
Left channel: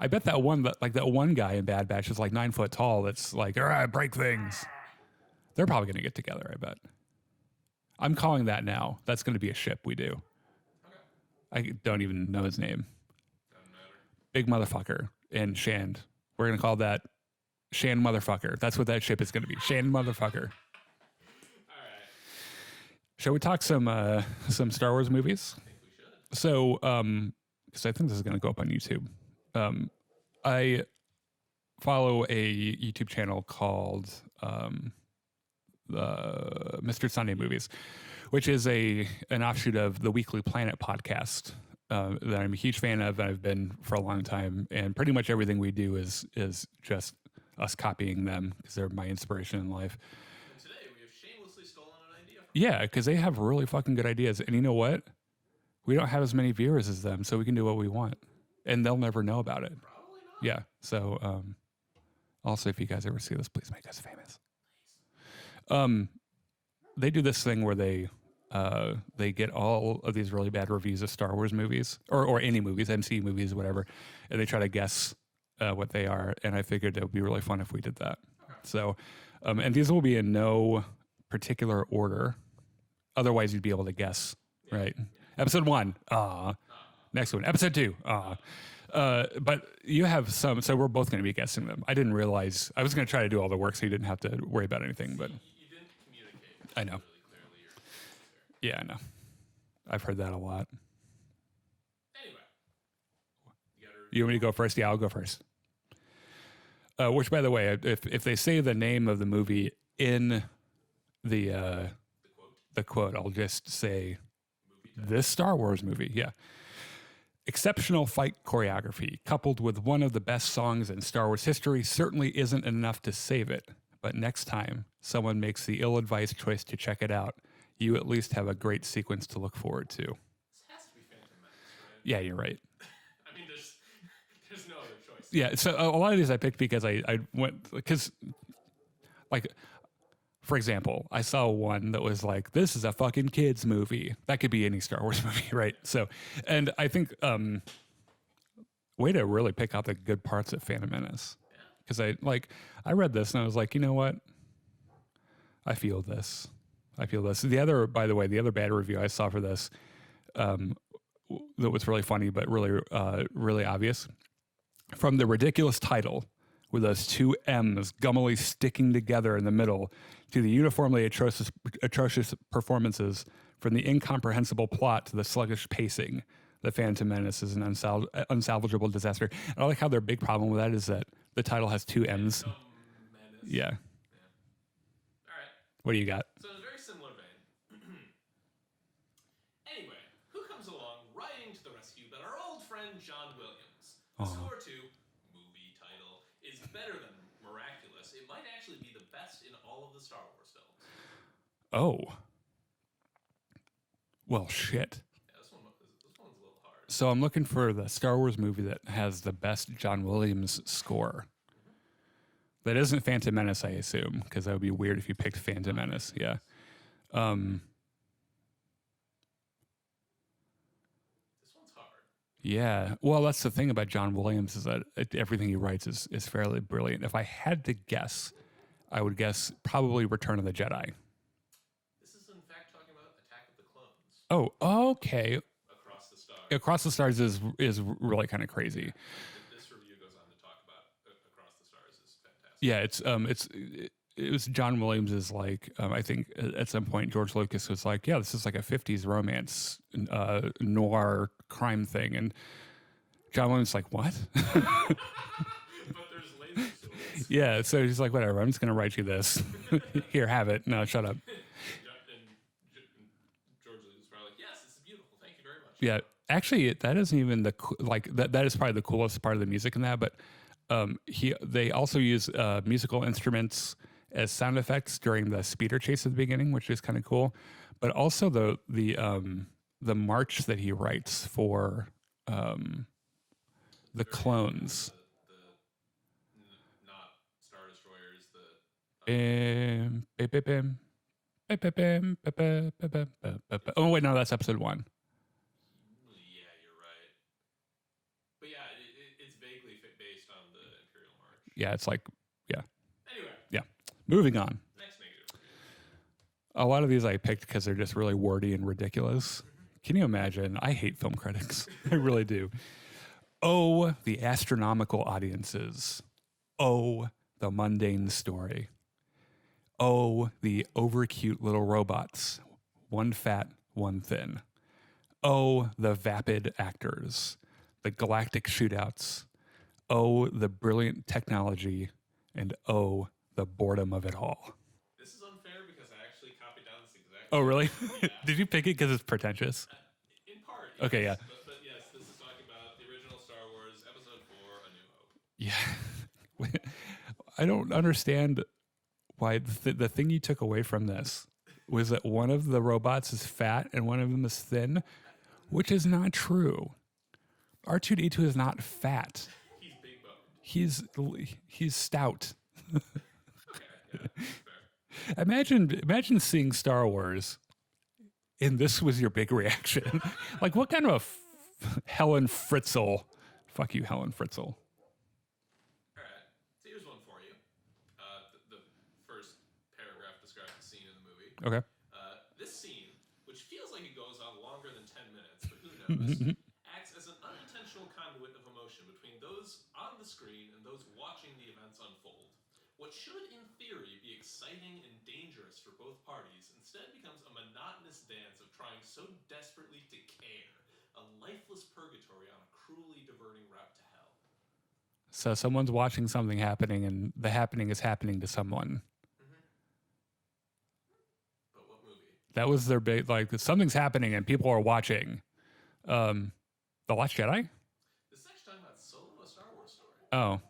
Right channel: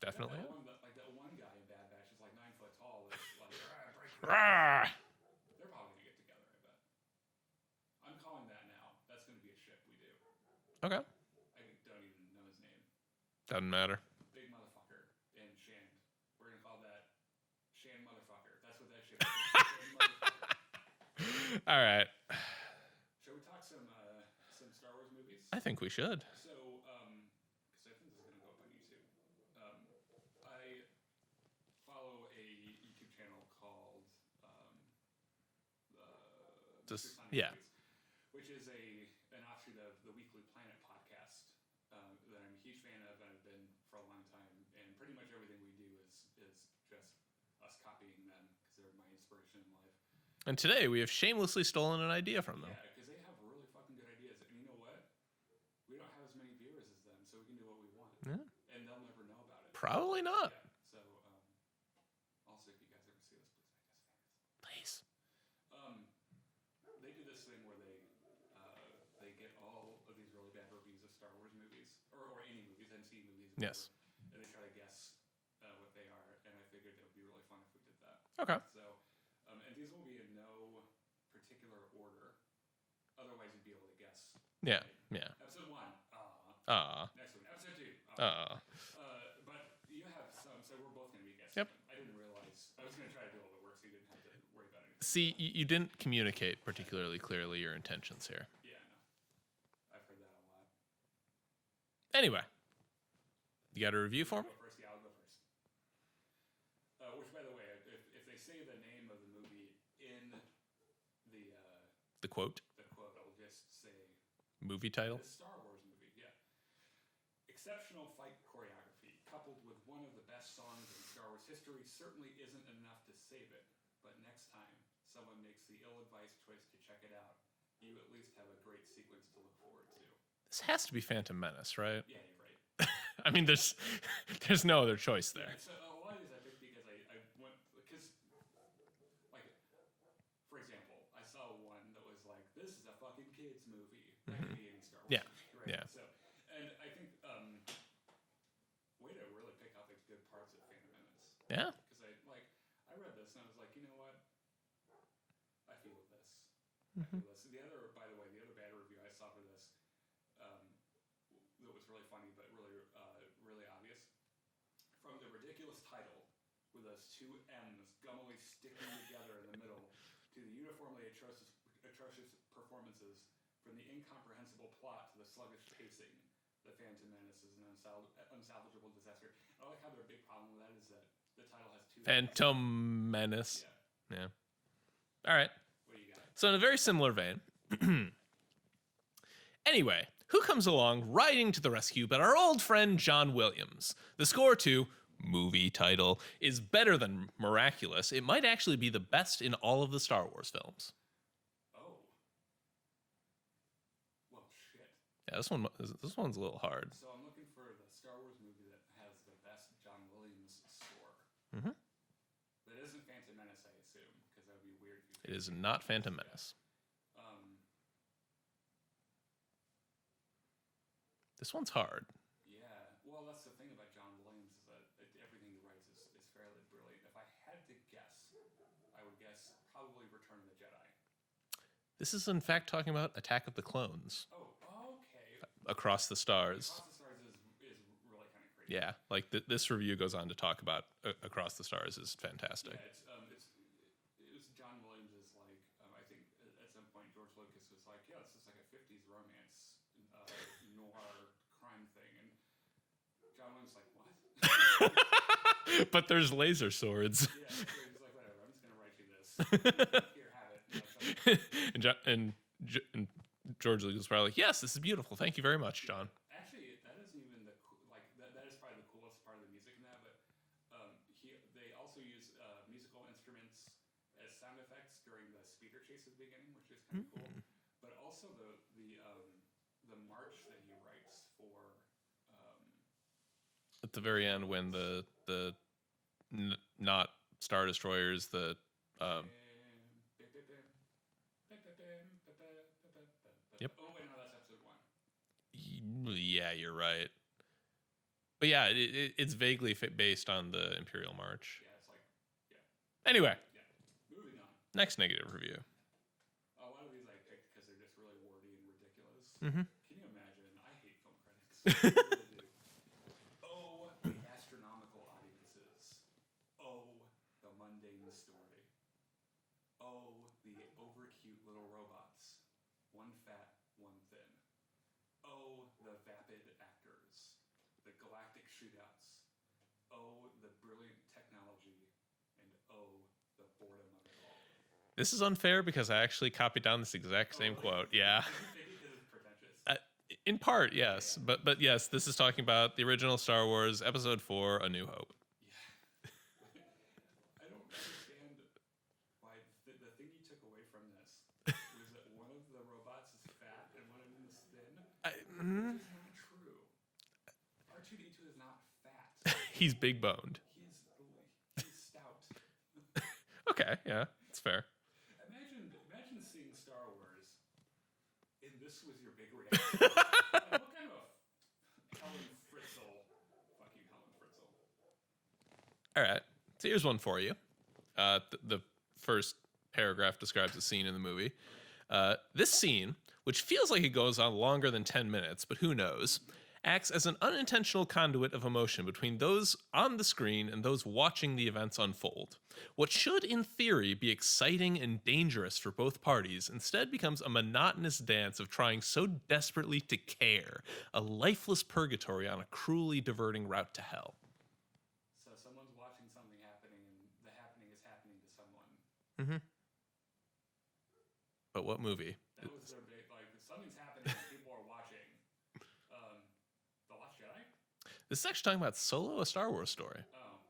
I bet that one guy in Bad Batch is like 9 foot tall. That's like, all right, break things. They're probably going to get together, I bet. I'm calling that now. That's going to be a ship we do. Okay. I don't even know his name. Doesn't matter. Big motherfucker and Shand. We're going to call that Shand motherfucker. That's what that ship is going to be. Shand motherfucker. All right. Shall we talk some Star Wars movies? I think we should. So, because I think this is going to go up on YouTube. I follow a YouTube channel called Mr. Sunday Movies, which is an offshoot of the Weekly Planet podcast that I'm a huge fan of, and I've been for a long time. And pretty much everything we do is just us copying them because they're my inspiration in life. And today we have shamelessly stolen an idea from them. Yeah, because they have really fucking good ideas. And you know what? We don't have as many viewers as them, so we can do what we want. Yeah. And they'll never know about it. Probably not. Yeah. So, also, if you guys ever see this, please make us famous. Please. They do this thing where they get all of these really bad reviews of Star Wars movies or any movies, MCU movies, whatever, and they try to guess what they are. And I figured it would be really fun if we did that. Okay. So, and these will be in no particular order. Otherwise, you'd be able to guess. Yeah. Right. Yeah. Episode 1. Next one. Episode 2. But you have some, so we're both going to be guessing them. I didn't realize I was going to try to do all the work, so you didn't have to worry about anything. See, but you didn't communicate particularly clearly your intentions here. Yeah, I know. I've heard that a lot. Anyway, you got a review. You want me to go first? Yeah, I'll go first. Which, by the way, if they say the name of the movie in the quote, I'll just say movie title. This Star Wars movie, yeah. Exceptional fight choreography, coupled with one of the best songs in Star Wars history, certainly isn't enough to save it. But next time someone makes the ill-advised choice to check it out, you at least have a great sequence to look forward to. This has to be Phantom Menace, right? Yeah, you're right. I mean, there's no other choice there. Yeah, so a lot of these I picked because I went, because, like, for example, I saw one that was like, this is a fucking kids movie. That could be any Star Wars movie, right? Yeah. So, and I think way to really pick out the good parts of Phantom Menace. Yeah. Because I read this and I was like, you know what? I feel this. The other bad review I saw for this, that was really funny but really obvious, from the ridiculous title with those two M's gummily sticking together in the middle to the uniformly atrocious performances, from the incomprehensible plot to the sluggish pacing. The Phantom Menace is an unsalvageable disaster. And I like how their big problem with that is that the title has two M's. Phantom Menace. Yeah. All right. What do you got? So in a very similar vein. Anyway, who comes along riding to the rescue but our old friend John Williams? The score to movie title is better than miraculous. It might actually be the best in all of the Star Wars films. Oh. Well, shit. Yeah, this one's a little hard. So I'm looking for the Star Wars movie that has the best John Williams score. Mm-hmm. That isn't Phantom Menace, I assume, because that would be weird if you picked Phantom Menace. Yeah. This one's hard. Yeah. Well, that's the thing about John Williams, is that everything he writes is fairly brilliant. If I had to guess, I would guess probably Return of the Jedi. This is, in fact, talking about Attack of the Clones. Oh, okay. Across the Stars. Across the Stars is really kind of crazy. Yeah, like this review goes on to talk about Across the Stars is fantastic. Yeah, it was John Williams's, like, I think at some point George Lucas was like, yeah, this is like a 50s romance noir crime thing, and John Williams was like, what? But there's laser swords. Yeah, so he's like, whatever, I'm just going to write you this. Here, have it. No, shut up. and George Lucas was probably like, yes, this is beautiful. Thank you very much, John. Yeah, actually, that isn't even that is probably the coolest part of the music in that, but they also use musical instruments as sound effects during the speeder chase at the beginning, which is kind of cool. But also the march that he writes for at the very clones. End when the not Star Destroyers, the Oh wait, no, that's episode 1. Yeah, you're right. But yeah, it's vaguely based on the Imperial March. Yeah, it's like, yeah. Anyway. Yeah. Moving on. Next negative review. A lot of these I picked because they're just really wordy and ridiculous. Mm-hmm. Can you imagine? I hate film critics. I really do. Oh, the astronomical audiences. Oh, the mundane story. Oh, the over-cute little robots. One fat, one thin. Oh, the vapid actors. The galactic shootouts. Oh, the brilliant technology. And oh, the boredom of it all. This is unfair because I actually copied down this exact same quote. Yeah. Did you pick it because it's pretentious? In part, yes. Okay, yeah. But yes, this is talking about the original Star Wars Episode 4, A New Hope. Yeah. I don't understand why the thing you took away from this was that one of the robots is fat and one of them is thin, which is not true. R2-D2 is not fat. He's big boned. He's stout. Okay, yeah, that's fair. Imagine seeing Star Wars and this was your big reaction. Like, what kind of Helen Fritzl? Fuck you, Helen Fritzl. All right. So here's one for you. The first paragraph describes a scene in the movie. Okay. This scene, which feels like it goes on longer than 10 minutes, but who knows, acts as an unintentional conduit of emotion between those on the screen and those watching the events unfold. What should, in theory, be exciting and dangerous for both parties instead becomes a monotonous dance of trying so desperately to care, a lifeless purgatory on a cruelly diverting route to hell. So someone's watching something happening, and the happening is happening to someone. Mm-hmm. But what movie? That was their big, like, something's happening and people are watching. The Last Jedi? This is actually talking about Solo, a Star Wars story. Oh.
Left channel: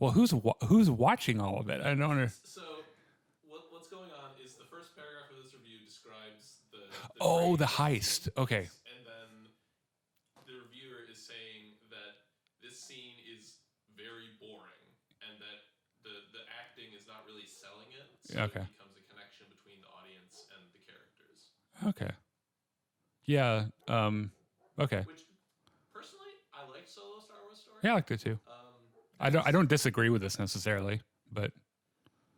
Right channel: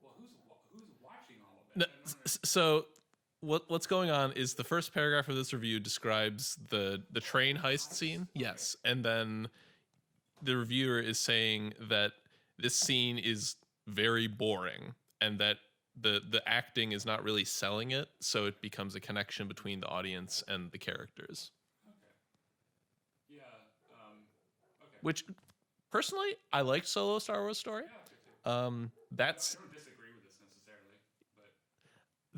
Well, who's watching all of it? No, I don't understand. So what's going on is the first paragraph of this review describes the train heist scene. Okay. Yes. And then the reviewer is saying that this scene is very boring and that the acting is not really selling it, so it becomes a connection between the audience and the characters. Okay. Yeah. Okay. Which Personally, I liked Solo Star Wars story. Yeah, I liked it too. I don't disagree with this necessarily, but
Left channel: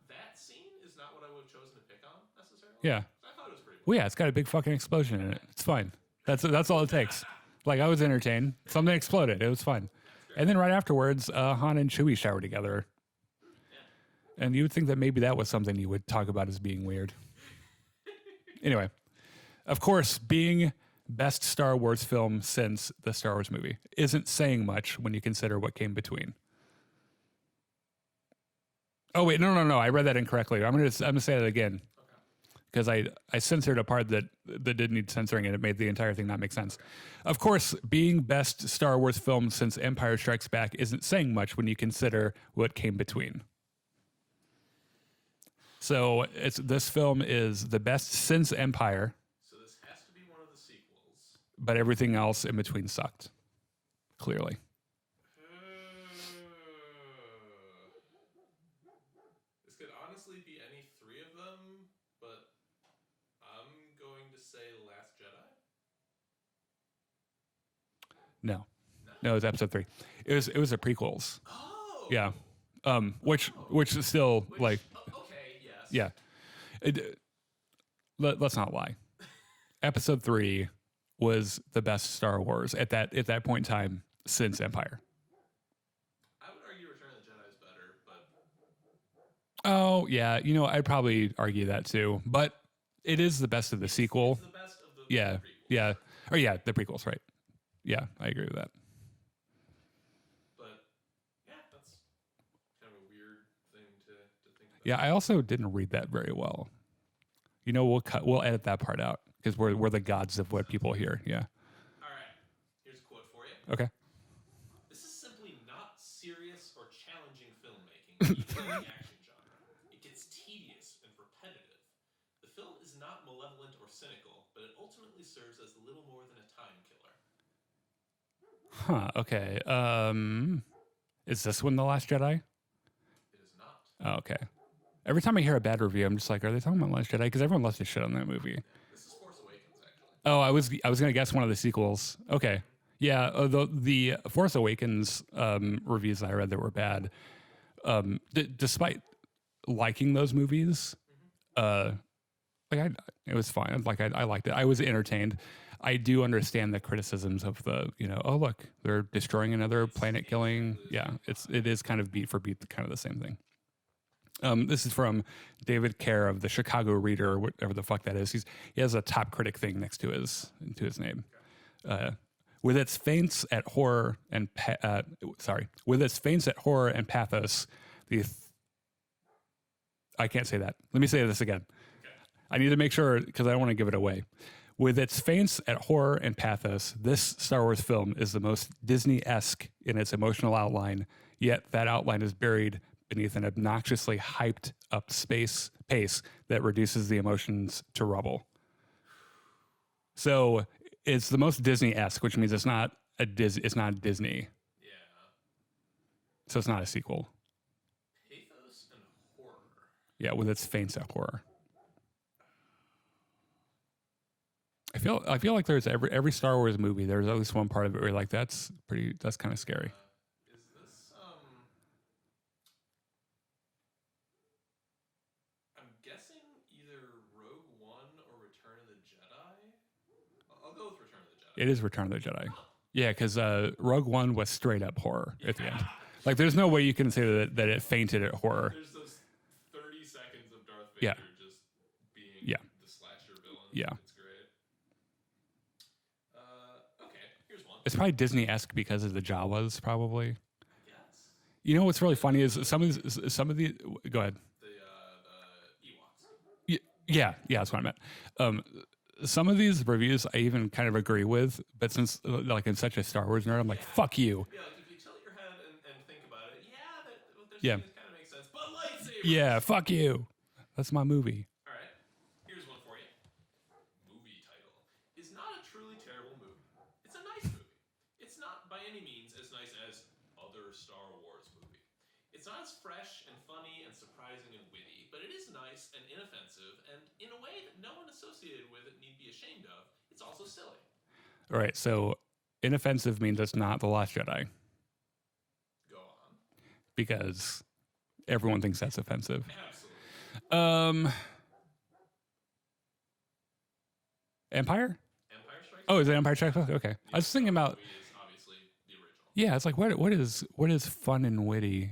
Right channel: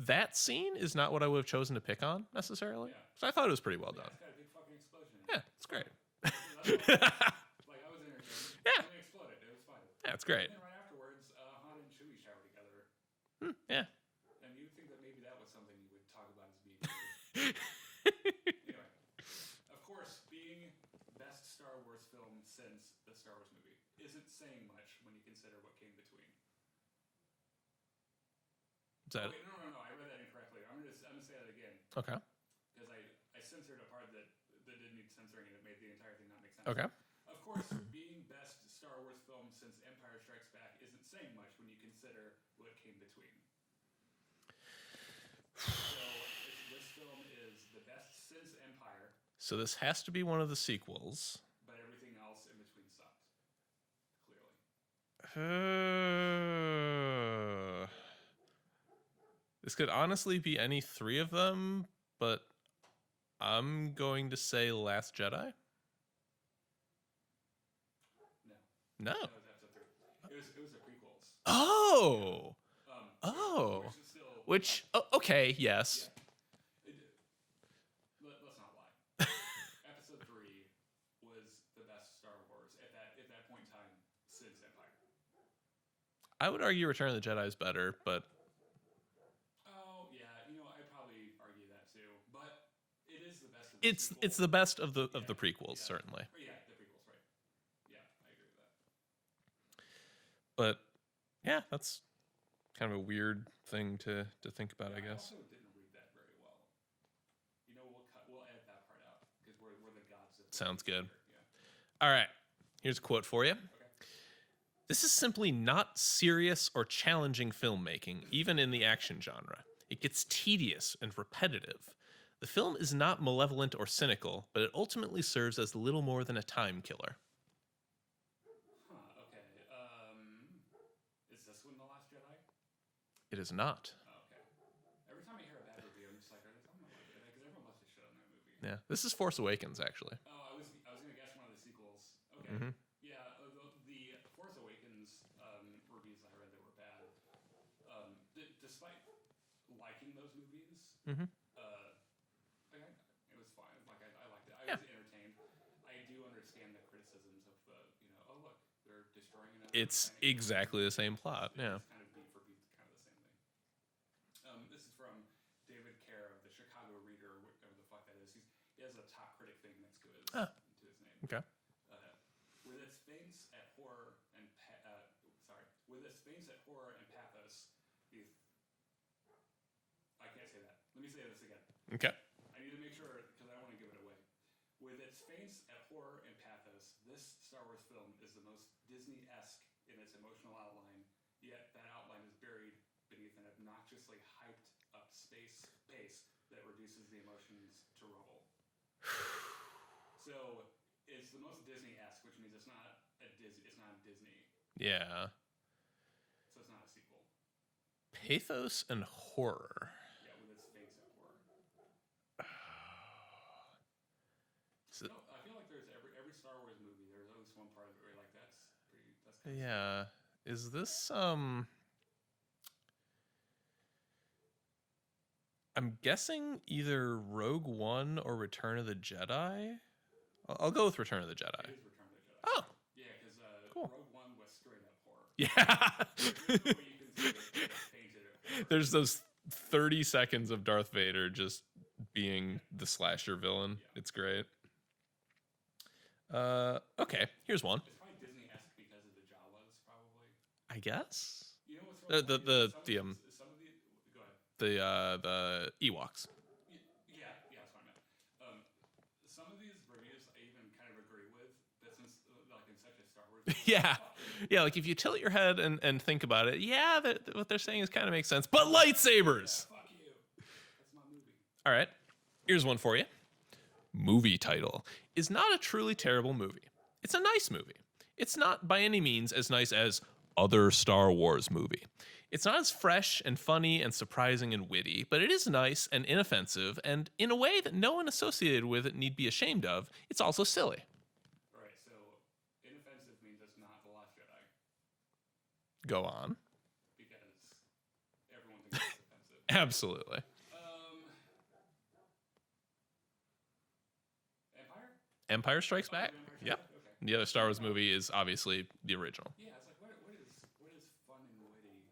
that scene is not what I would have chosen to pick on necessarily. Yeah. So I thought it was pretty well. well, yeah, it's got a big fucking explosion in it. It's fine. That's all it takes. Like, I was entertained. Something exploded. It was fun. Yeah, it's great. And then right afterwards, Han and Chewie shower together. Yeah. And you would think that maybe that was something you would talk about as being weird. Anyway, of course, being best Star Wars film since the Star Wars movie isn't saying much when you consider what came between. Oh wait, no! I read that incorrectly. I'm gonna say that again. Okay. Because I censored a part that didn't need censoring, and it made the entire thing not make sense. Okay. Of course, being best Star Wars film since Empire Strikes Back isn't saying much when you consider what came between. So this film is the best since Empire, So this has to be one of the sequels. but everything else in between sucked. Clearly. This could honestly be any three of them, but I'm going to say Last Jedi. No, No. it was Episode 3. It was the prequels. Oh. Yeah. Which is still like okay, yes. yeah. Let's not lie. Episode 3 was the best Star Wars at that point in time since Empire. I would argue Return of the Jedi is better, but Oh yeah, I'd probably argue that too. But it is the best of the sequel. It's the best of the prequels, yeah. certainly. Oh yeah, the prequels, right? Yeah, I agree with that. But yeah, that's kind of a weird thing to think about. Yeah, I also didn't read that very well. We'll edit that part out because we're the gods of what Sounds people good. hear. Yeah. All right. Here's a quote for you. Okay. This is simply not serious or challenging filmmaking, even in the action genre. It gets tedious and repetitive. The film is not malevolent or cynical, but it ultimately serves as little more than a time killer. Huh. Okay. Is this one The Last Jedi? It is not. Oh, okay. Every time I hear a bad review, I'm just like, are they talking about Last Jedi? Because everyone loves to shit on that movie. Yeah. This is Force Awakens, actually. Oh, I was gonna guess one of the sequels. Okay. Mm-hmm. Yeah. The Force Awakens reviews I read that were bad. Despite liking those movies, it was fine. Like I liked it. I was entertained. I do understand the criticisms of oh look, they're destroying another planet, killing. Exactly the same plot. It is kind of beat for beat, kind of the same thing. This is from David Kerr of the Chicago Reader, or whatever the fuck that is. He has a top critic thing next to his name. Okay. With its feints at horror and pathos, I can't say that. Let me say this again. Okay. I need to make sure because I don't want to give it away. With its feints at horror and pathos, this Star Wars film is the most Disney-esque in its emotional outline, yet that outline is buried beneath an obnoxiously hyped up pace that reduces the emotions to rubble. So it's the most Disney-esque, which means it's not Disney. Yeah. So it's not a sequel. Pathos and horror. Yeah, with its feints at horror. I feel like there's every Star Wars movie, there's at least one part of it where you're like, that's kind of scary. Is this I'm guessing either Rogue One or Return of the Jedi. I'll go with Return of the Jedi. It is Return of the Jedi. Oh. Yeah, because Rogue One was straight up horror. Yeah. At the end. Like, there's no way you can say that it fainted at horror. There's those 30 seconds of Darth Vader just being the slasher villain. Yeah. It's great. Okay, here's one. It's probably Disney-esque because of the Jawas, probably. I guess. You know what's really funny is some of the go ahead. The Ewoks. Yeah, that's what I meant. Some of these reviews I even kind of agree with, but since like I'm such a Star Wars nerd, I'm like, fuck you. Yeah, like if you tilt your head and think about it, what they're saying is kind of makes sense. But lightsabers. Yeah, fuck you. That's my movie. All right, here's one for you. Movie title is not a truly terrible movie. It's a nice movie. It's not by any means as nice as other Star Wars movie. It's not as fresh and funny and surprising and witty, but it is nice and inoffensive, and in a way that no one associated with it need be ashamed of. It's also silly. All right, so inoffensive means it's not The Last Jedi Go on. because everyone thinks that's offensive. Absolutely. Empire? Empire Strikes Oh, Back. is it Empire Strikes Yeah. Back? Okay. The I other was Star thinking Wars about movie is obviously the original. yeah. It's like what is fun and witty.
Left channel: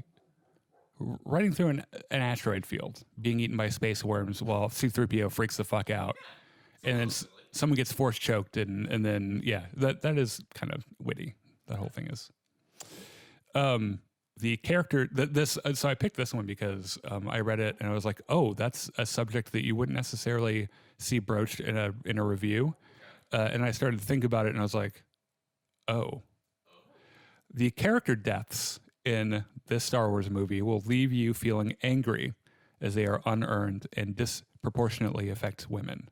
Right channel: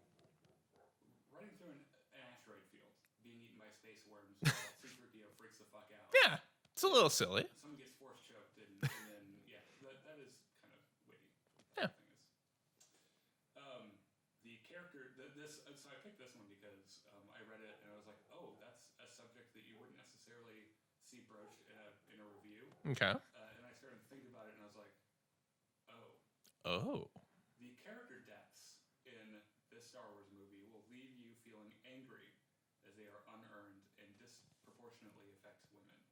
Riding through an asteroid field, being eaten by space worms while C-3PO freaks the fuck out. Yeah, it's a little silly. Someone gets force choked, and then yeah, that is kind of witty. The whole thing is. The character so I picked this one because I read it and I was like, oh, that's a subject that you wouldn't necessarily see broached in a review. Okay. And I started to think about it and I was like, oh, the character deaths in this Star Wars movie will leave you feeling angry as they are unearned and disproportionately affect women.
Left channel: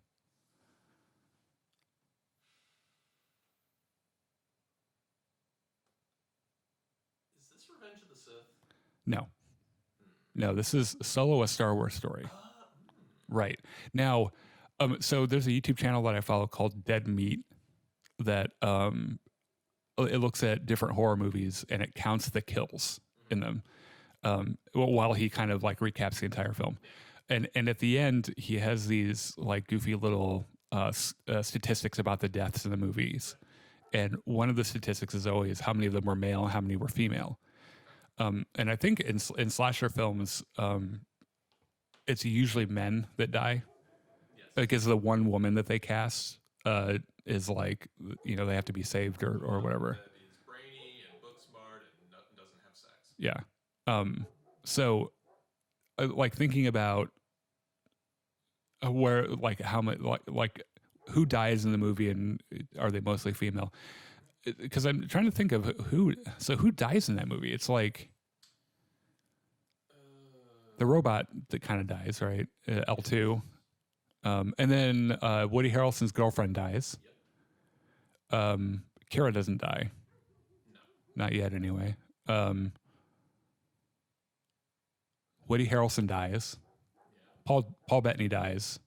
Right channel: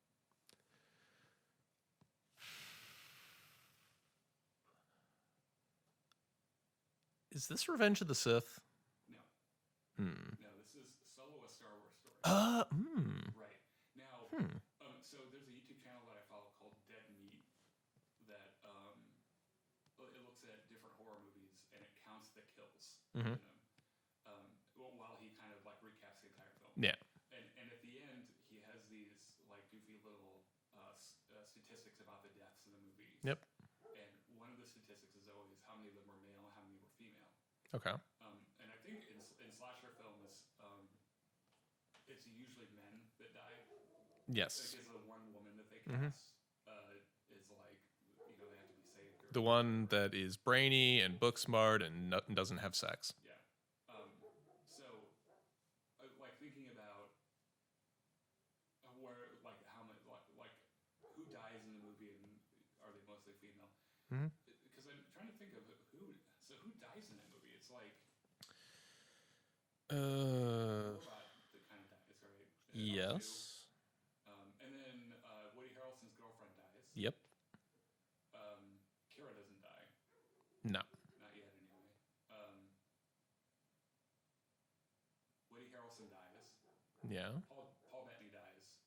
Is this Revenge of the Sith? No. No, this is Solo, a Star Wars story. Right. Now, so there's a YouTube channel that I follow called Dead Meat that it looks at different horror movies and it counts the kills in them while he kind of like recaps the entire film. Yeah. And at the end, he has these like goofy little statistics about the deaths in the movies. Yep. And one of the statistics is always how many of them were male and how many were female. Okay. And I think in slasher films, it's usually men that die. Yes. Because the one woman that they cast is like, they have to be saved or whatever. That is brainy and book smart and doesn't have sex. Yeah. So, like thinking about where, like how much, like who dies in the movie and are they mostly female? Because I'm trying to think of who dies in that movie. It's like the robot that kind of dies, right? L2. Yes. And then Woody Harrelson's girlfriend dies. Yep. Kara doesn't die. No. Not yet, anyway. Woody Harrelson dies. Yeah. Paul Bettany dies.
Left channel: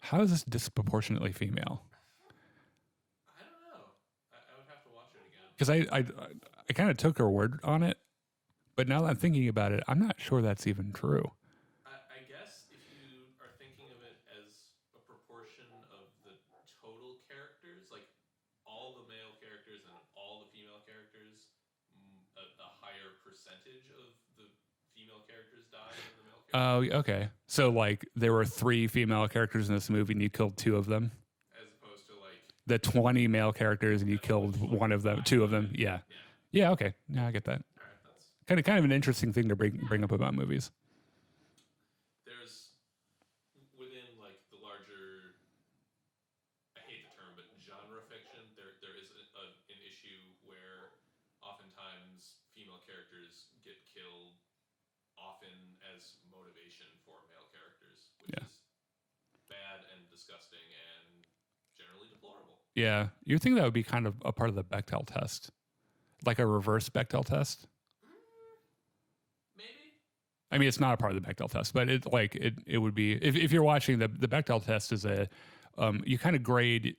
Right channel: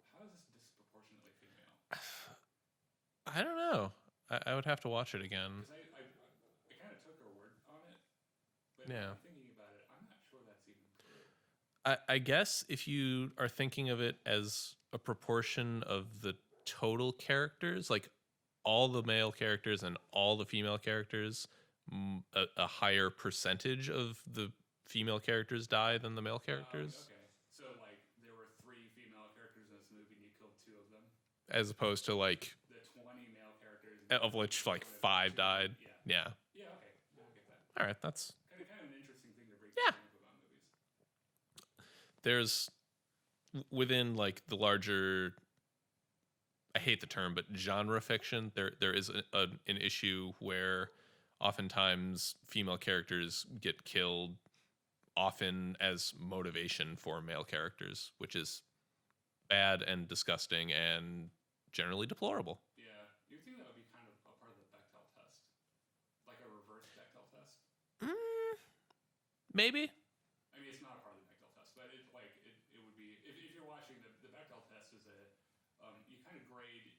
How is this disproportionately female? I don't know. I would have to watch it again. Because I kind of took her word on it, but now that I'm thinking about it, I'm not sure that's even true. I guess if you are thinking of it as a proportion of the total characters, like all the male characters and all the female characters, a higher percentage of the female characters die than the male characters. Oh, okay. So like there were 3 female characters in this movie and you killed 2 of them? As opposed to like the 20 male characters and you killed which, like, one of them, 2 of them. Yeah. Yeah. Yeah, okay. Yeah, I get that. All right, that's Kind of an interesting thing to bring up about movies. There's within like the larger, I hate the term, but genre fiction, there is an issue where oftentimes female characters get killed often as motivation for male characters, which is bad and disgusting and generally deplorable. Yeah. You think that would be kind of a part of the Bechdel test? Like a reverse Bechdel test? Maybe. I mean, it's not a part of the Bechdel test, but it would be if you're watching the Bechdel test is you kind of grade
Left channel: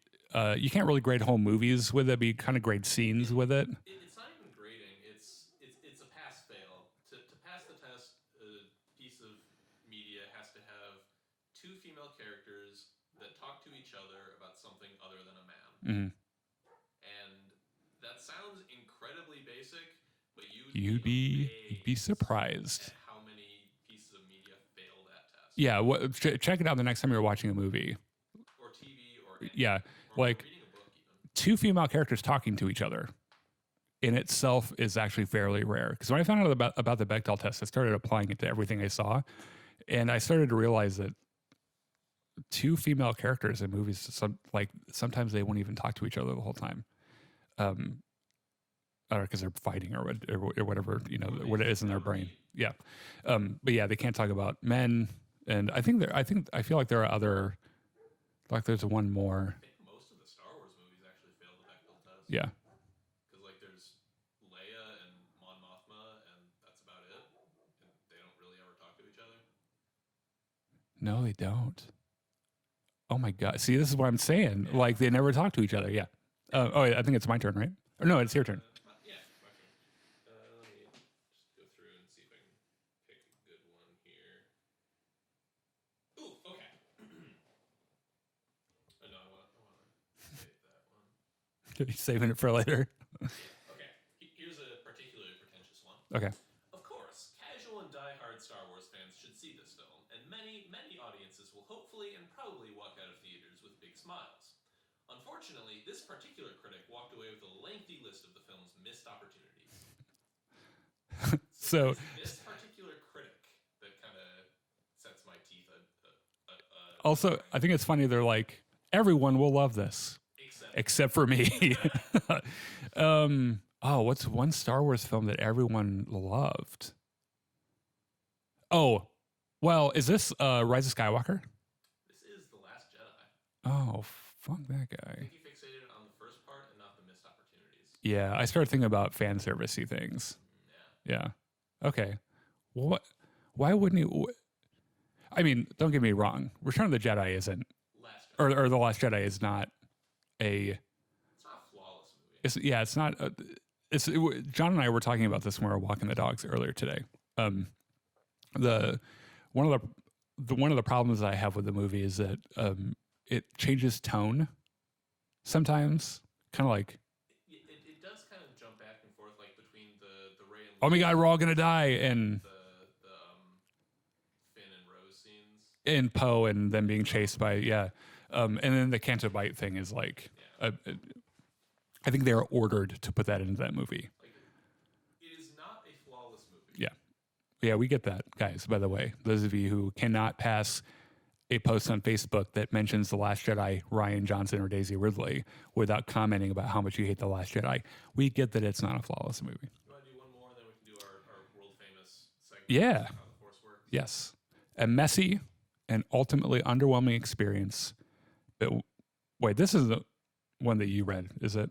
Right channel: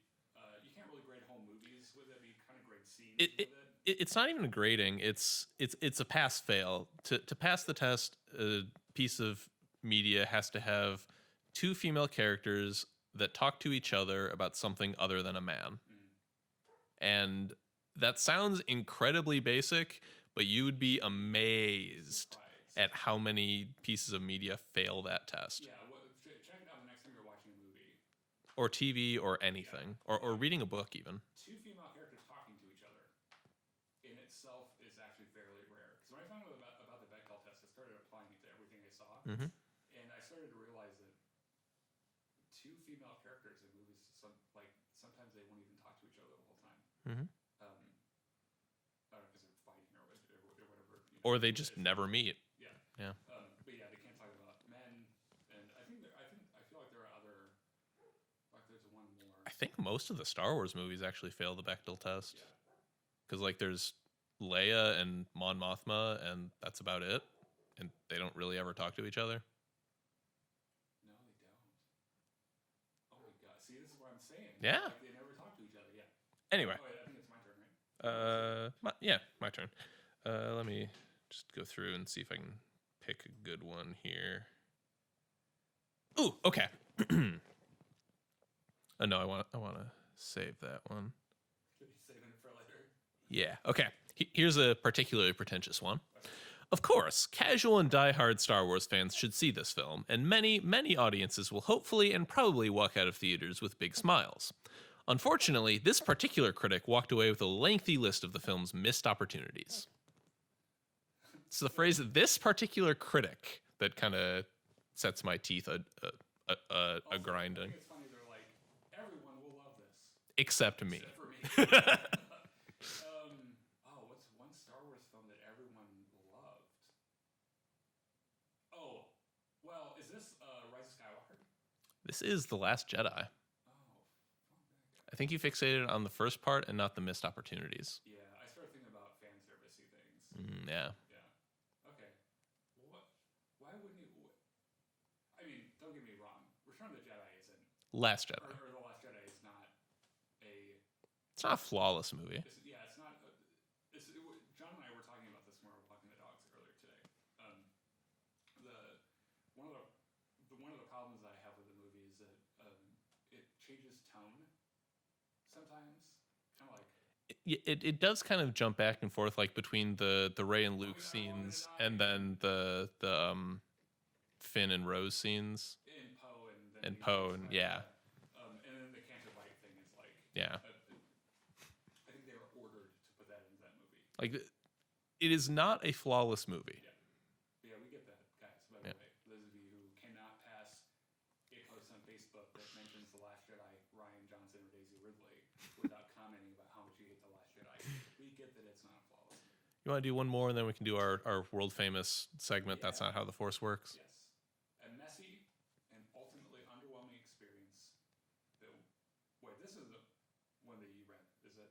you can't really grade whole movies with it, but you kind of grade scenes with it. It's not even a grading. It's a pass fail. To pass the test, a piece of media has to have 2 female characters that talk to each other about something other than a man. And that sounds incredibly basic, but you would be amazed, be surprised at how many pieces of media fail that test. Yeah, check it out the next time you're watching a movie. Or TV or anything. Yeah, or like, reading a book even. 2 female characters talking to each other in itself is actually fairly rare. Because when I found out about the Bechdel test, I started applying it to everything I saw. And I started to realize that 2 female characters in movies, sometimes they won't even talk to each other the whole time. Or because they're fighting or whatever, or they what it just is in their never brain. meet. Yeah. But yeah, they can't talk about men. And I feel like there are other, like there's one more. I think most of the Star Wars movies actually fail the Bechdel test. Yeah. Because like there's Leia and Mon Mothma, and that's about it. And they don't really ever talk to each other. No, they don't. Oh my God. See, this is what I'm saying. Yeah. Like they never talk to each other. Yeah. Anyway. I think it's my turn, right? Or no, it's your turn. My turn. Let me just go through and see if I can pick a good one here. Ooh, okay. Oh no, I want to save that one. Are you saving it for later? Yeah. Okay. Here's a particularly pretentious one. Okay. Of course, casual and diehard Star Wars fans should see this film, and many, many audiences will hopefully and probably walk out of theaters with big smiles. Unfortunately, this particular critic walked away with a lengthy list of the film's missed opportunities. It's the phrase "this particular critic" that kind of sets my teeth. Also, I think it's funny. They're like, everyone will love this except for me. What's one Star Wars film that everyone loved? Oh, well, is this Rise of Skywalker? This is The Last Jedi. Oh, fuck that guy. I think you fixated on the first part and not the missed opportunities. Yeah, I started thinking about fan servicey things. Yeah. Okay. Well, why wouldn't you? I mean, don't get me wrong. Return of the Jedi isn't Last Jedi, or The Last Jedi is not a. It's not a flawless movie. It's not. John and I were talking about this when we were walking the dogs earlier today. One of the problems I have with the movie is that it changes tone sometimes, kind of like. It does kind of jump back and forth, like between the Rey and Luke. Oh my God, we're all gonna die, and the Finn and Rose scenes, and Poe and them being chased by and then the Canto Bight thing is like I think they are ordered to put that into that movie. Like, it is not a flawless movie. Yeah, we get that, guys. By the way, those of you who cannot pass a post on Facebook that mentions The Last Jedi, Rian Johnson, or Daisy Ridley without commenting about how much you hate The Last Jedi, we get that it's not a flawless movie. You want to do one more, and then we can do our world famous segment. Yeah. That's not how the Force works. Yes. A messy and ultimately underwhelming experience. But wait, this is the one that you read, is it?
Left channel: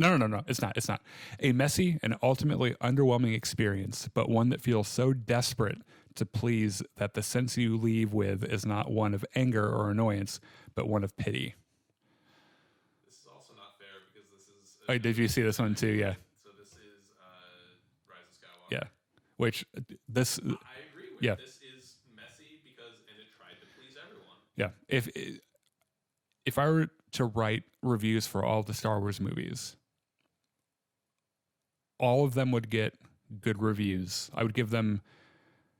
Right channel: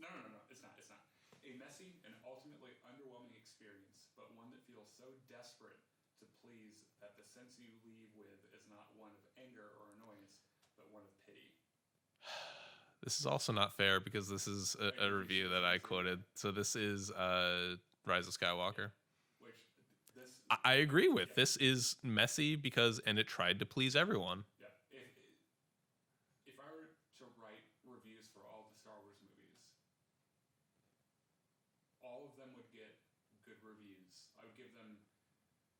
No. It's not. A messy and ultimately underwhelming experience, but one that feels so desperate to please that the sense you leave with is not one of anger or annoyance, but one of pity. This is also not fair because this is. Did you see this one too? Yeah. So this is Rise of Skywalker. Yeah. Which this I agree with. Yeah. This is messy and it tried to please everyone. Yeah. If I were to write reviews for all the Star Wars movies, all of them would get good reviews. I would give them,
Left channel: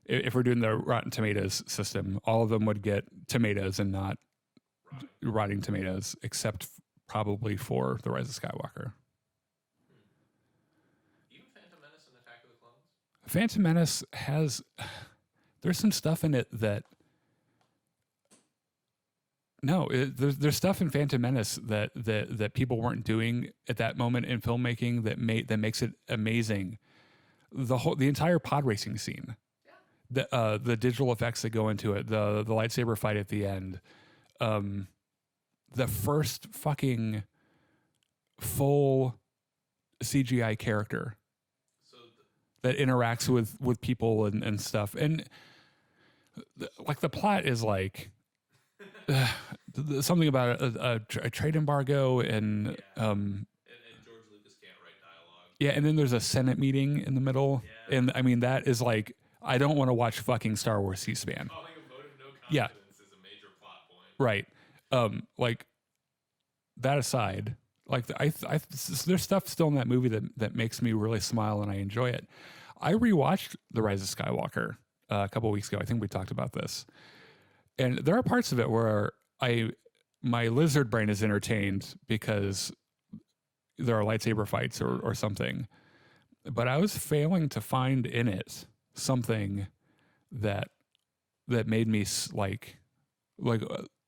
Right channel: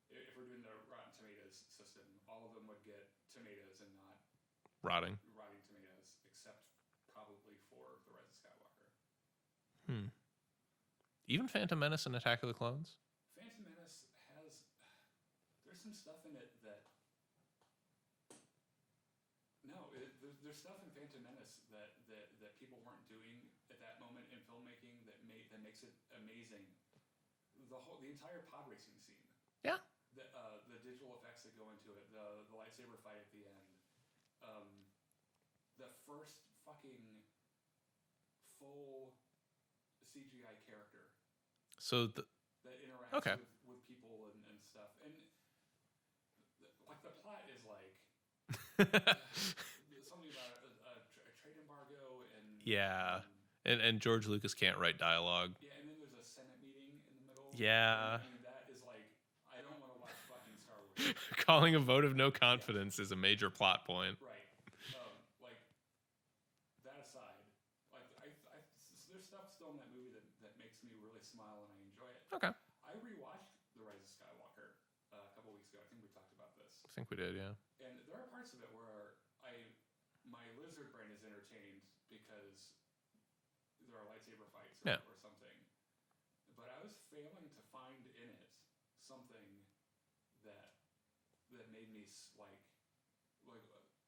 if we're doing the Rotten Tomatoes system, all of them would get tomatoes and not rotting tomatoes, except probably for The Rise of Skywalker. Even Phantom Menace and Attack of the Clones? Phantom Menace there's some stuff in it that, there's stuff in Phantom Menace that people weren't doing at that moment in filmmaking that makes it amazing. The entire pod racing scene. Yeah. The digital effects that go into it, the lightsaber fight at the end, the first fucking full CGI character. So that interacts with people and stuff, and like the plot is like. Something about a trade embargo and and George Lucas can't write dialogue. Yeah, and then there's a Senate meeting in the middle. Yeah, and I mean that is like I don't want to watch fucking Star Wars C-SPAN. Calling a vote of no confidence is a major plot point, right? Like that aside, like there's stuff still in that movie that makes me really smile and I enjoy it. Okay, I rewatched The Rise of Skywalker a couple weeks ago. I think we talked about this. I think we did, yeah. And there are parts of it where my lizard brain is entertained because there are lightsaber fights or something. But I was failing to find in it something that made me like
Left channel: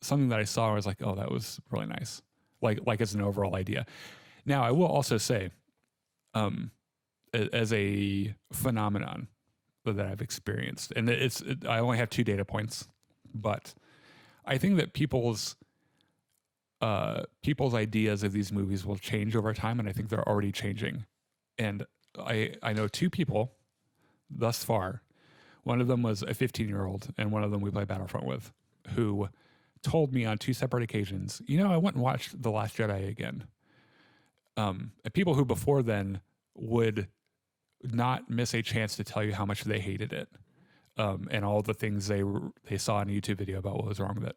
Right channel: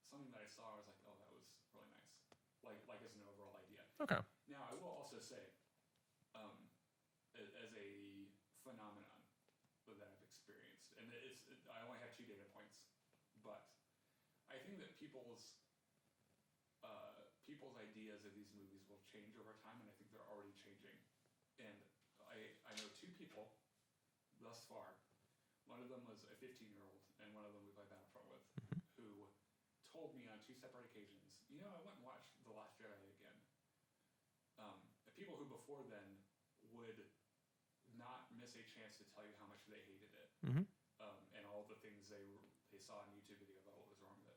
something that I saw. I was like, oh, that was really nice. Like as an overall idea. Okay. Now I will also say, as a phenomenon that I've experienced, and I only have 2 data points. But I think that people's ideas of these movies will change over time, and I think they're already changing. And I know 2 people thus far. One of them was a 15-year-old, and one of them we play Battlefront with, who told me on 2 separate occasions, you know, I went and watched The Last Jedi again. And people who before then would not miss a chance to tell you how much they hated it, and all the things they saw in a YouTube video about what was wrong with it.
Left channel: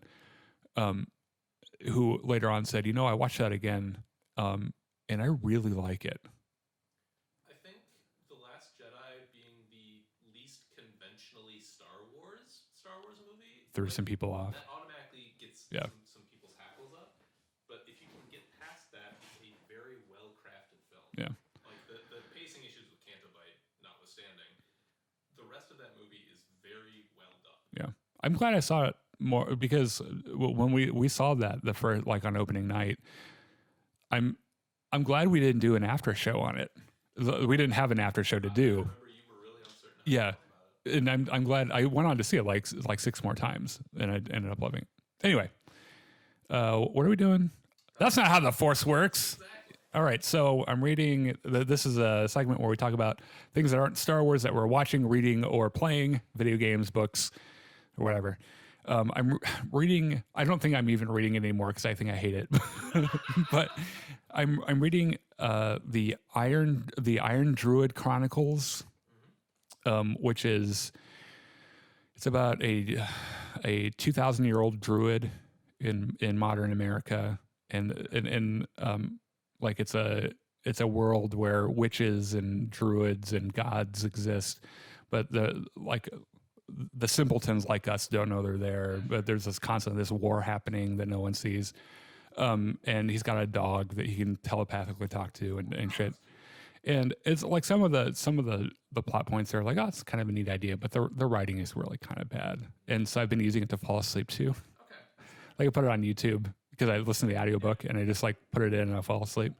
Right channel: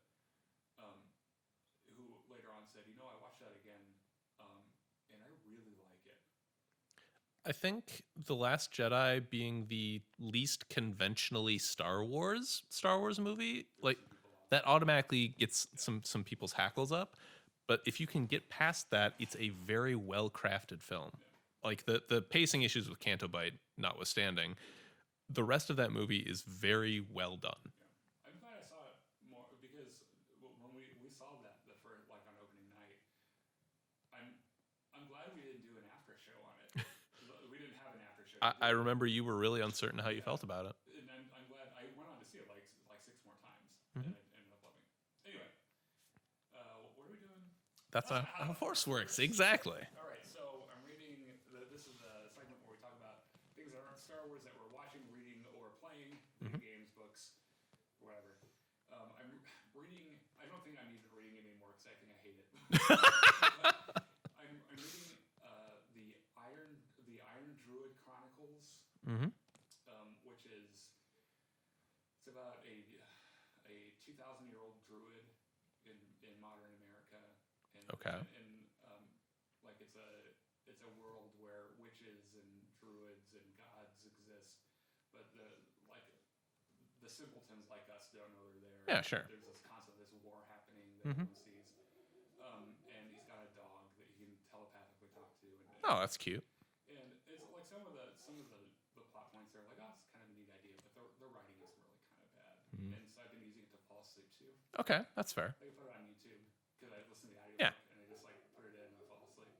Who later on said, you know, I watched that again, and I really like it. I think The Last Jedi being the least conventionally Star Wars movie Threw some people off. that automatically gets some people's hackles up. But if you can get past that, it's a very well crafted film. Yeah. Like the pacing issues with Canto Bight notwithstanding, the rest of that movie is very well done. Yeah. I'm glad I saw it more because when we saw that the first, like on opening night, I'm glad we didn't do an after show on it. We didn't have an after show to do. I remember you were really uncertain how you felt about it. And I'm glad I went on to see it like 6 more times and I ended up loving it. Anyway, what are we doing? That's not how the Force works. Exactly. All right. So I'm reading, this is a segment where we talk about things that aren't Star Wars that we're watching, reading, or playing, video games, books, or whatever. I'm reading, I don't think I'm even reading it anymore because I think I hate it. But I'm reading the Iron Druid Chronicles, which is, it's about a 2,000-year-old druid in modern America, and like it's a world where witches and druids and gods exist, but the simpletons like us don't know they're there. Yeah, sure. But there's this war happening that no one sees. And he's got a dog that he can telepathically talk to and shit. That's cute. And it's like some of the plot points are like, oh, it's kind of a neat idea, but the writing is really kind of bad. And so I've been using it to fall asleep too. Okay, that's fair. Like I put it on YouTube because I listen to the audiobook and I just like put it in and I fall asleep.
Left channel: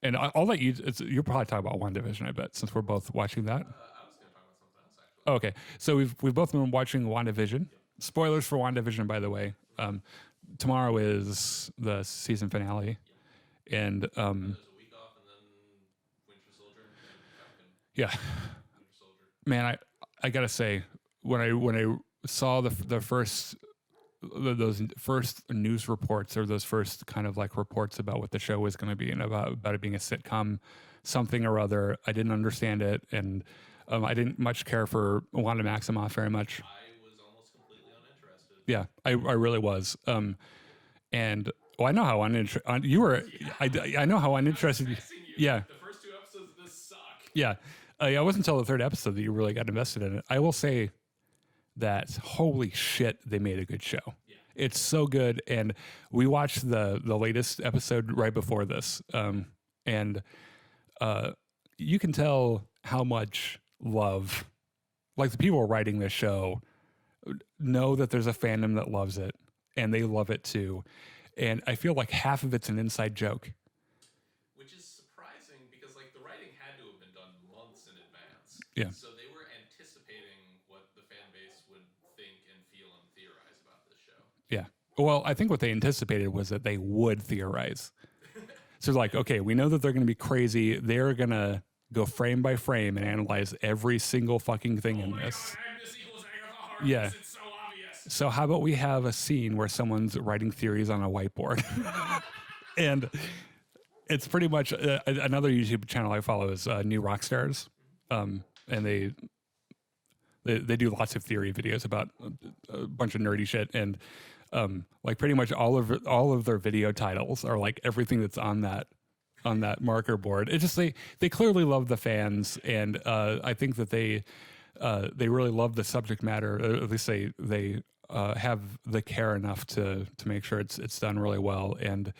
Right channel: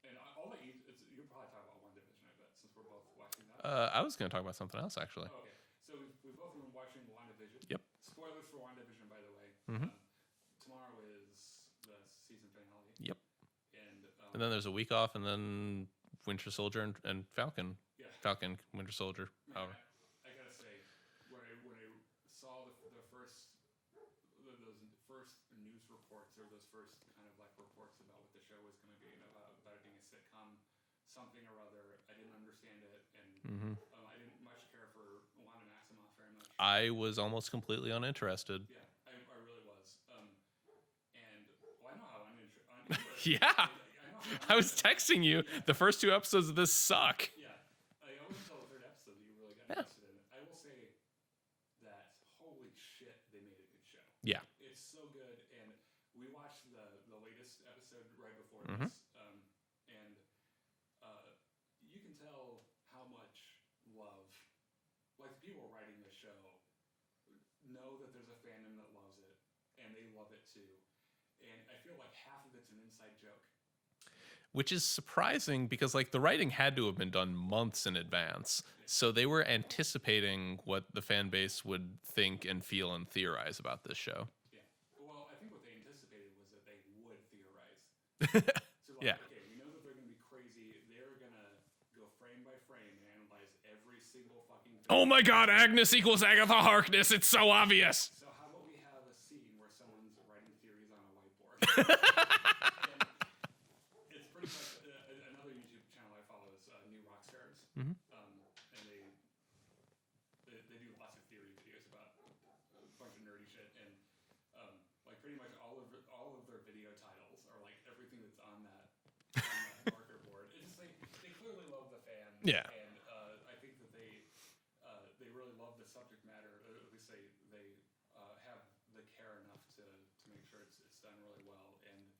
And I'll let you. You'll probably talk about WandaVision, I bet, since we're both watching that. I was going to talk about something else actually. Oh, okay, so we've both been watching WandaVision. Yep. Spoilers for WandaVision, by the way. Tomorrow is the season finale. Yep. And then there's a week off, and then Winter Soldier and Falcon. Yeah. Falcon, Winter Soldier. Man, I gotta say, when I saw those first news reports or those first kind of like reports about what the show was going to be and about it being a sitcom, something or other, I didn't understand it, and I didn't much care for Wanda Maximoff very much. I was almost completely uninterested. Yeah, I really was. And I know how uninterested you were. Yeah. I know how uninterested. I was texting you. Yeah. The first 2 episodes of this suck. Yeah. It wasn't until the 3rd episode that you really got invested in it. I will say that holy shit, they made a good show. Yeah. It's so good. And we watched the latest episode right before this. And you can tell how much love, like the people writing this show know that there's a fandom that loves it and they love it too. And I feel like half of it's an inside joke. Which is surprising because like the writing had to have been done months in advance. Yeah. So they were anticipating what the fan base would think and feel and theorize about this show. Yeah. Well, I think what they anticipated was that they would theorize. So like, okay, we know that they're going to be crazy. They're going to go frame by frame and analyze every single fucking thing. Oh my God, Agnes equals Agatha Harkness. Yeah. It's so obvious. So how about we have a scene where someone's writing theories on a whiteboard? And it's pretty much another YouTube channel I follow is New Rockstars. And they do lots of theory videos about a bunch of nerdy shit. And like pretty much all of their video titles are like everything that's on that marker board. It just they clearly love the fans, and I think that they really love the subject matter. Or at least they have the care enough to make sure it's done really well. And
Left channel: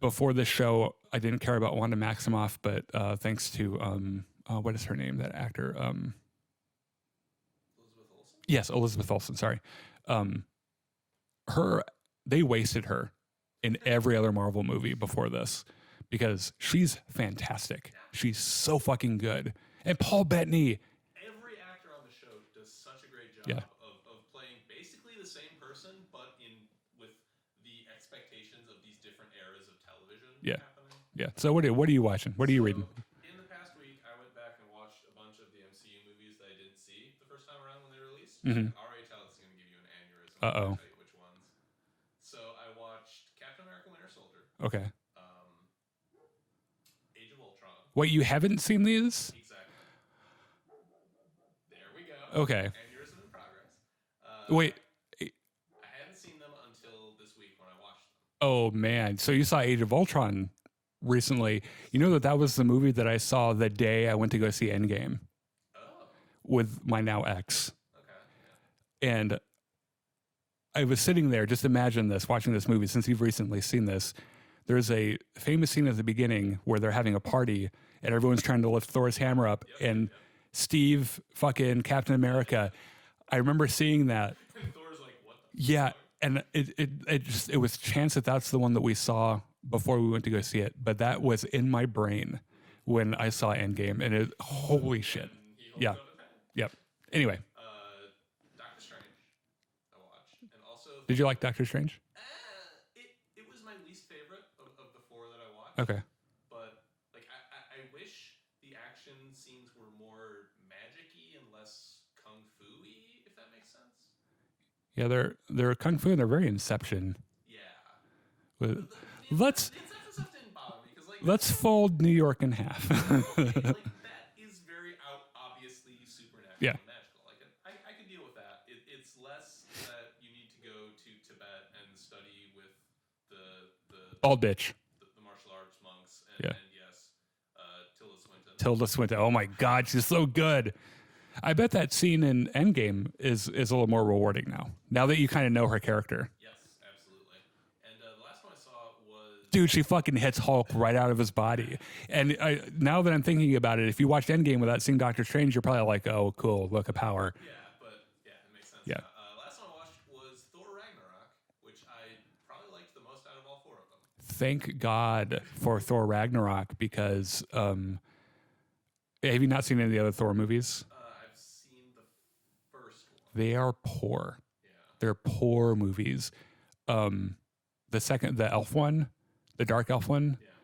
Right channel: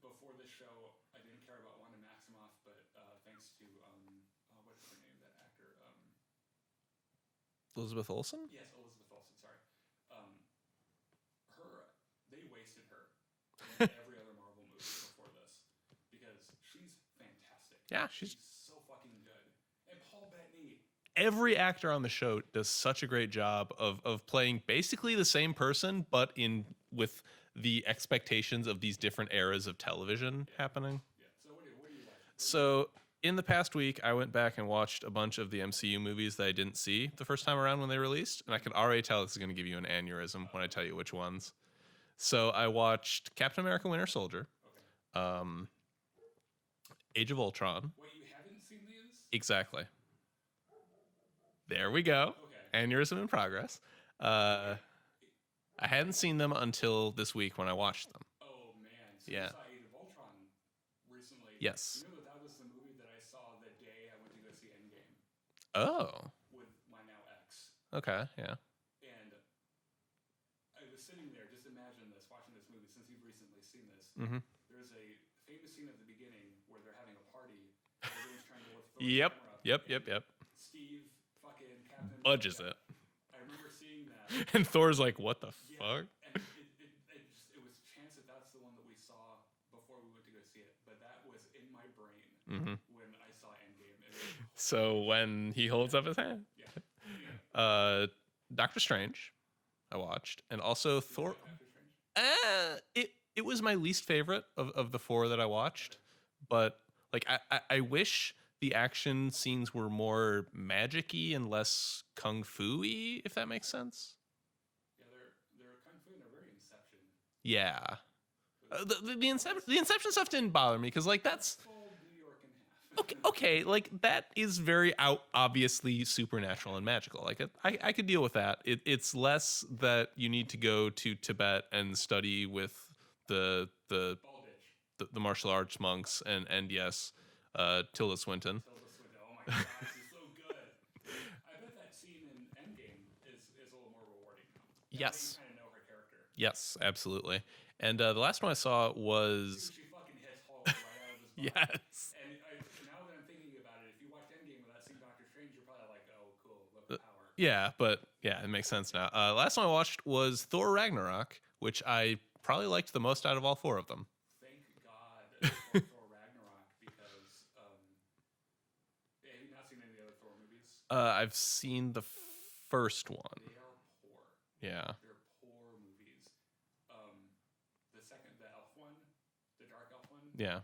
before this show, I didn't care about Wanda Maximoff, but thanks to what is her name? That actor. Elizabeth Olsen? Yes, Elizabeth Olsen. Sorry. They wasted her in every other Marvel movie before this because she's fantastic. Yeah. She's so fucking good. And Paul Bettany. Every actor on the show does such a great job of playing basically the same person, but with the expectations of these different eras of television happening. Yeah. So what are you watching? What are you reading? In the past week, I went back and watched a bunch of the MCU movies that I didn't see the first time around when they released. And I could already tell this is going to give you an aneurysm when I tell you which ones. So I watched Captain America Winter Soldier. Okay. Age of Ultron. Wait, you haven't seen these? Exactly. There we go. Okay. Aneurysm in progress. Wait. I hadn't seen them until this week when I watched them. Oh, man. So you saw Age of Ultron recently. Yes. You know that was the movie that I saw the day I went to go see Endgame. Oh. With my now ex. Okay, yeah. And I was sitting there, just imagine this, watching this movie, since you've recently seen this. Mm-hmm. There's a famous scene at the beginning where they're having a party and everyone's trying to lift Thor's hammer up. And Steve, fucking Captain America. I remember seeing that. And Thor's like, what the fuck? fuck? And it was chance that that's the one that we saw before we went to go see it. But that was in my brain when I saw Endgame. And holy shit. When he holds up his hand. Yep. Anyway. Doctor Strange, I watched. And also... Did you like Doctor Strange? It was my least favorite of the four that I watched. Okay. But like I wish the action scenes were more magic-y and less kung fu-y, if that makes sense. Yeah, they're kung fu and they're very Inception. Yeah. The Inception stuff didn't bother me because let's fold New York in half. Okay, like that is very obviously supernatural and magical. Like I could deal with that. It's less that you need to go to Tibet and study with the bald bitch, the martial arts monks and yes, Tilda Swinton. Tilda Swinton. Oh my God, she's so good. I bet that scene in Endgame is a little more rewarding now that you kind of know her character. Yes, absolutely. And the last one I saw was... Dude, she fucking hits Hulk right out of his body. Yes. And now that I'm thinking about it, if you watched Endgame without seeing Doctor Strange, you're probably like, oh, cool, look at power. Yeah, but it makes sense now. Last one I watched was Thor Ragnarok, which I probably liked the most out of all four of them. Thank God for Thor Ragnarok, because have you not seen any of the other Thor movies? I've seen the first one. They are poor. Yeah. They're poor movies. The elf one, the dark elf one. Yeah.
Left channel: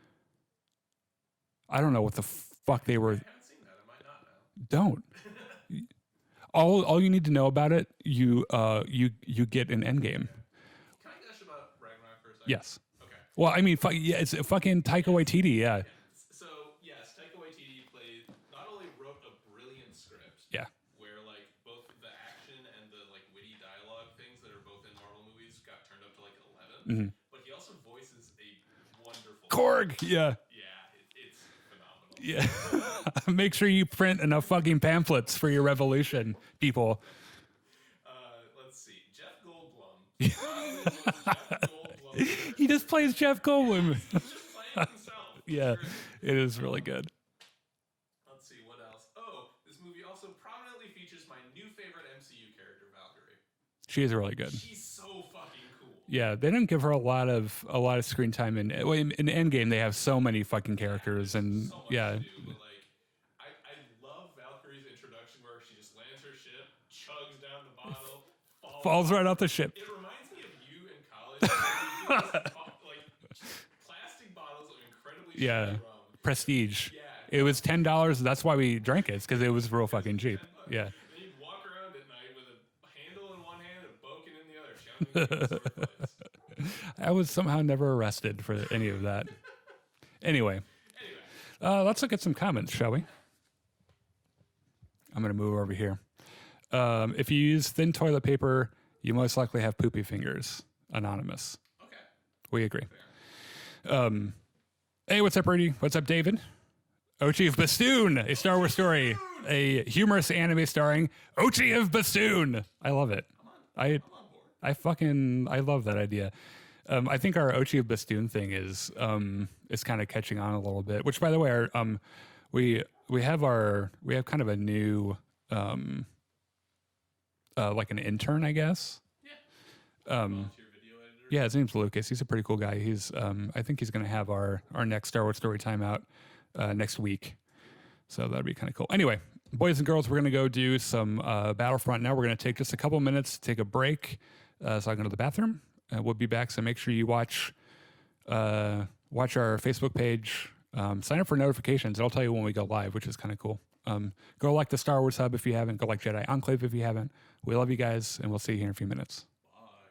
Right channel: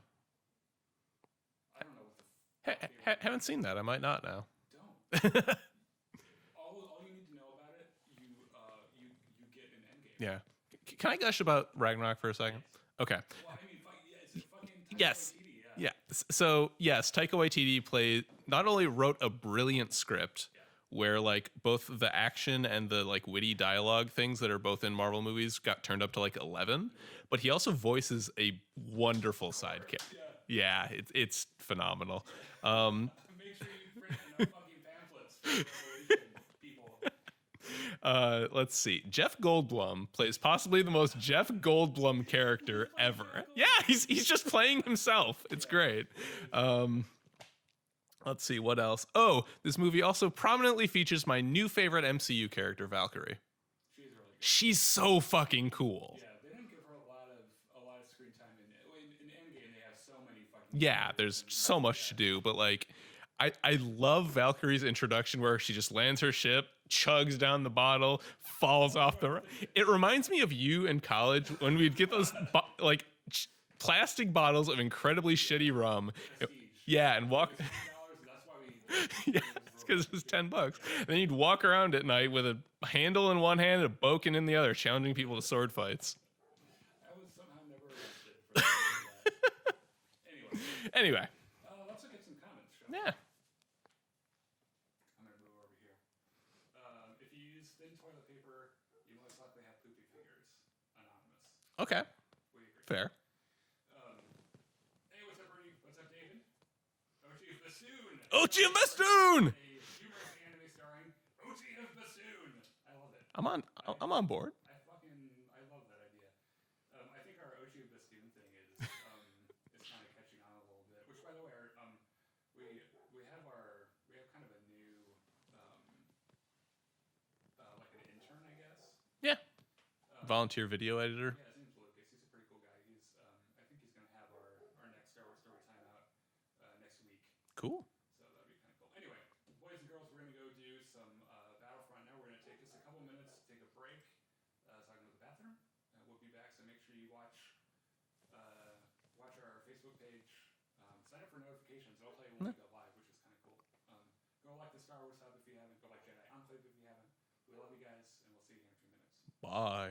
I don't know what the fuck they were. I haven't seen that. I might not now. Don't. all you need to know about it, you get an Endgame. Yeah. Can I gush about Ragnarok for a second? Yes. Okay. Well, I mean, it's fucking Taika Waititi. Yeah. Yeah. So yes, Taika Waititi not only wrote a brilliant script. Yeah. Where like both the action and the like witty dialogue things that are both in Marvel movies got turned up to like 11, but he also voices a wonderful Korg. Song. Yeah, it's phenomenal. Yeah. Make sure you print enough fucking pamphlets for your revolution, people. Let's see. Jeff Goldblum plays possibly the most Jeff Goldblum character. He just plays ever. Jeff Goldblum. Yeah, he's just playing himself. It's great. It is really good. Let's see, what else? Oh, this movie also prominently features my new favorite MCU character, Valkyrie. She is really good. She's so fucking cool. Yeah, they didn't give her a lot of screen time in Endgame. They have so many fucking characters. Yeah, there's so much to do. But like, I love Valkyrie's introduction where she just lands her ship, chugs down the bottle, falls right off the ship. It reminds me of you in college when you'd get those plastic bottles of incredibly shitty rum. Prestige. Yeah. And it was $10. That's why we drank it, because it was real fucking cheap. $10. Yeah. And then you'd walk around at night with a handle in one hand and a boken in the other, challenging people to sword fights. I was somehow never arrested for any of that. Anyway. Let's look at some comments, shall we? Yeah. I'm going to move over here. If you use thin toilet paper, you most likely have poopy fingers. Anonymous. Okay. We agree. Fair. Hey, what's up, Rudy? What's up, David? Ochi of Bastoon, a Star Wars story, a humorous anime starring Ochi of Bastoon. I love it. I'm on board. I love that idea. I think our Ochi of Bastoon thing is kind of catching on a little bit. Which, by the way, we have kind of a new like an intern, I guess. Yeah. Volunteer video editor. Yeah, his name's Lucas. He's a pretty cool guy. He's I think he's going to have our next Star Wars story time out next week. Cool. So that'd be kind of cool. Anyway, boys and girls, we're going to go do some Battlefront now. We're going to take just a couple minutes to take a break so I can go to the bathroom. we'll be back. So make sure you watch our Facebook page. Sign up for notifications. It'll tell you when we go live, which is kind of cool. Go like the Star Wars Hub if you haven't. Go like Jedi Enclave if you haven't. We love you guys, and we'll see you here in a few minutes. Bye.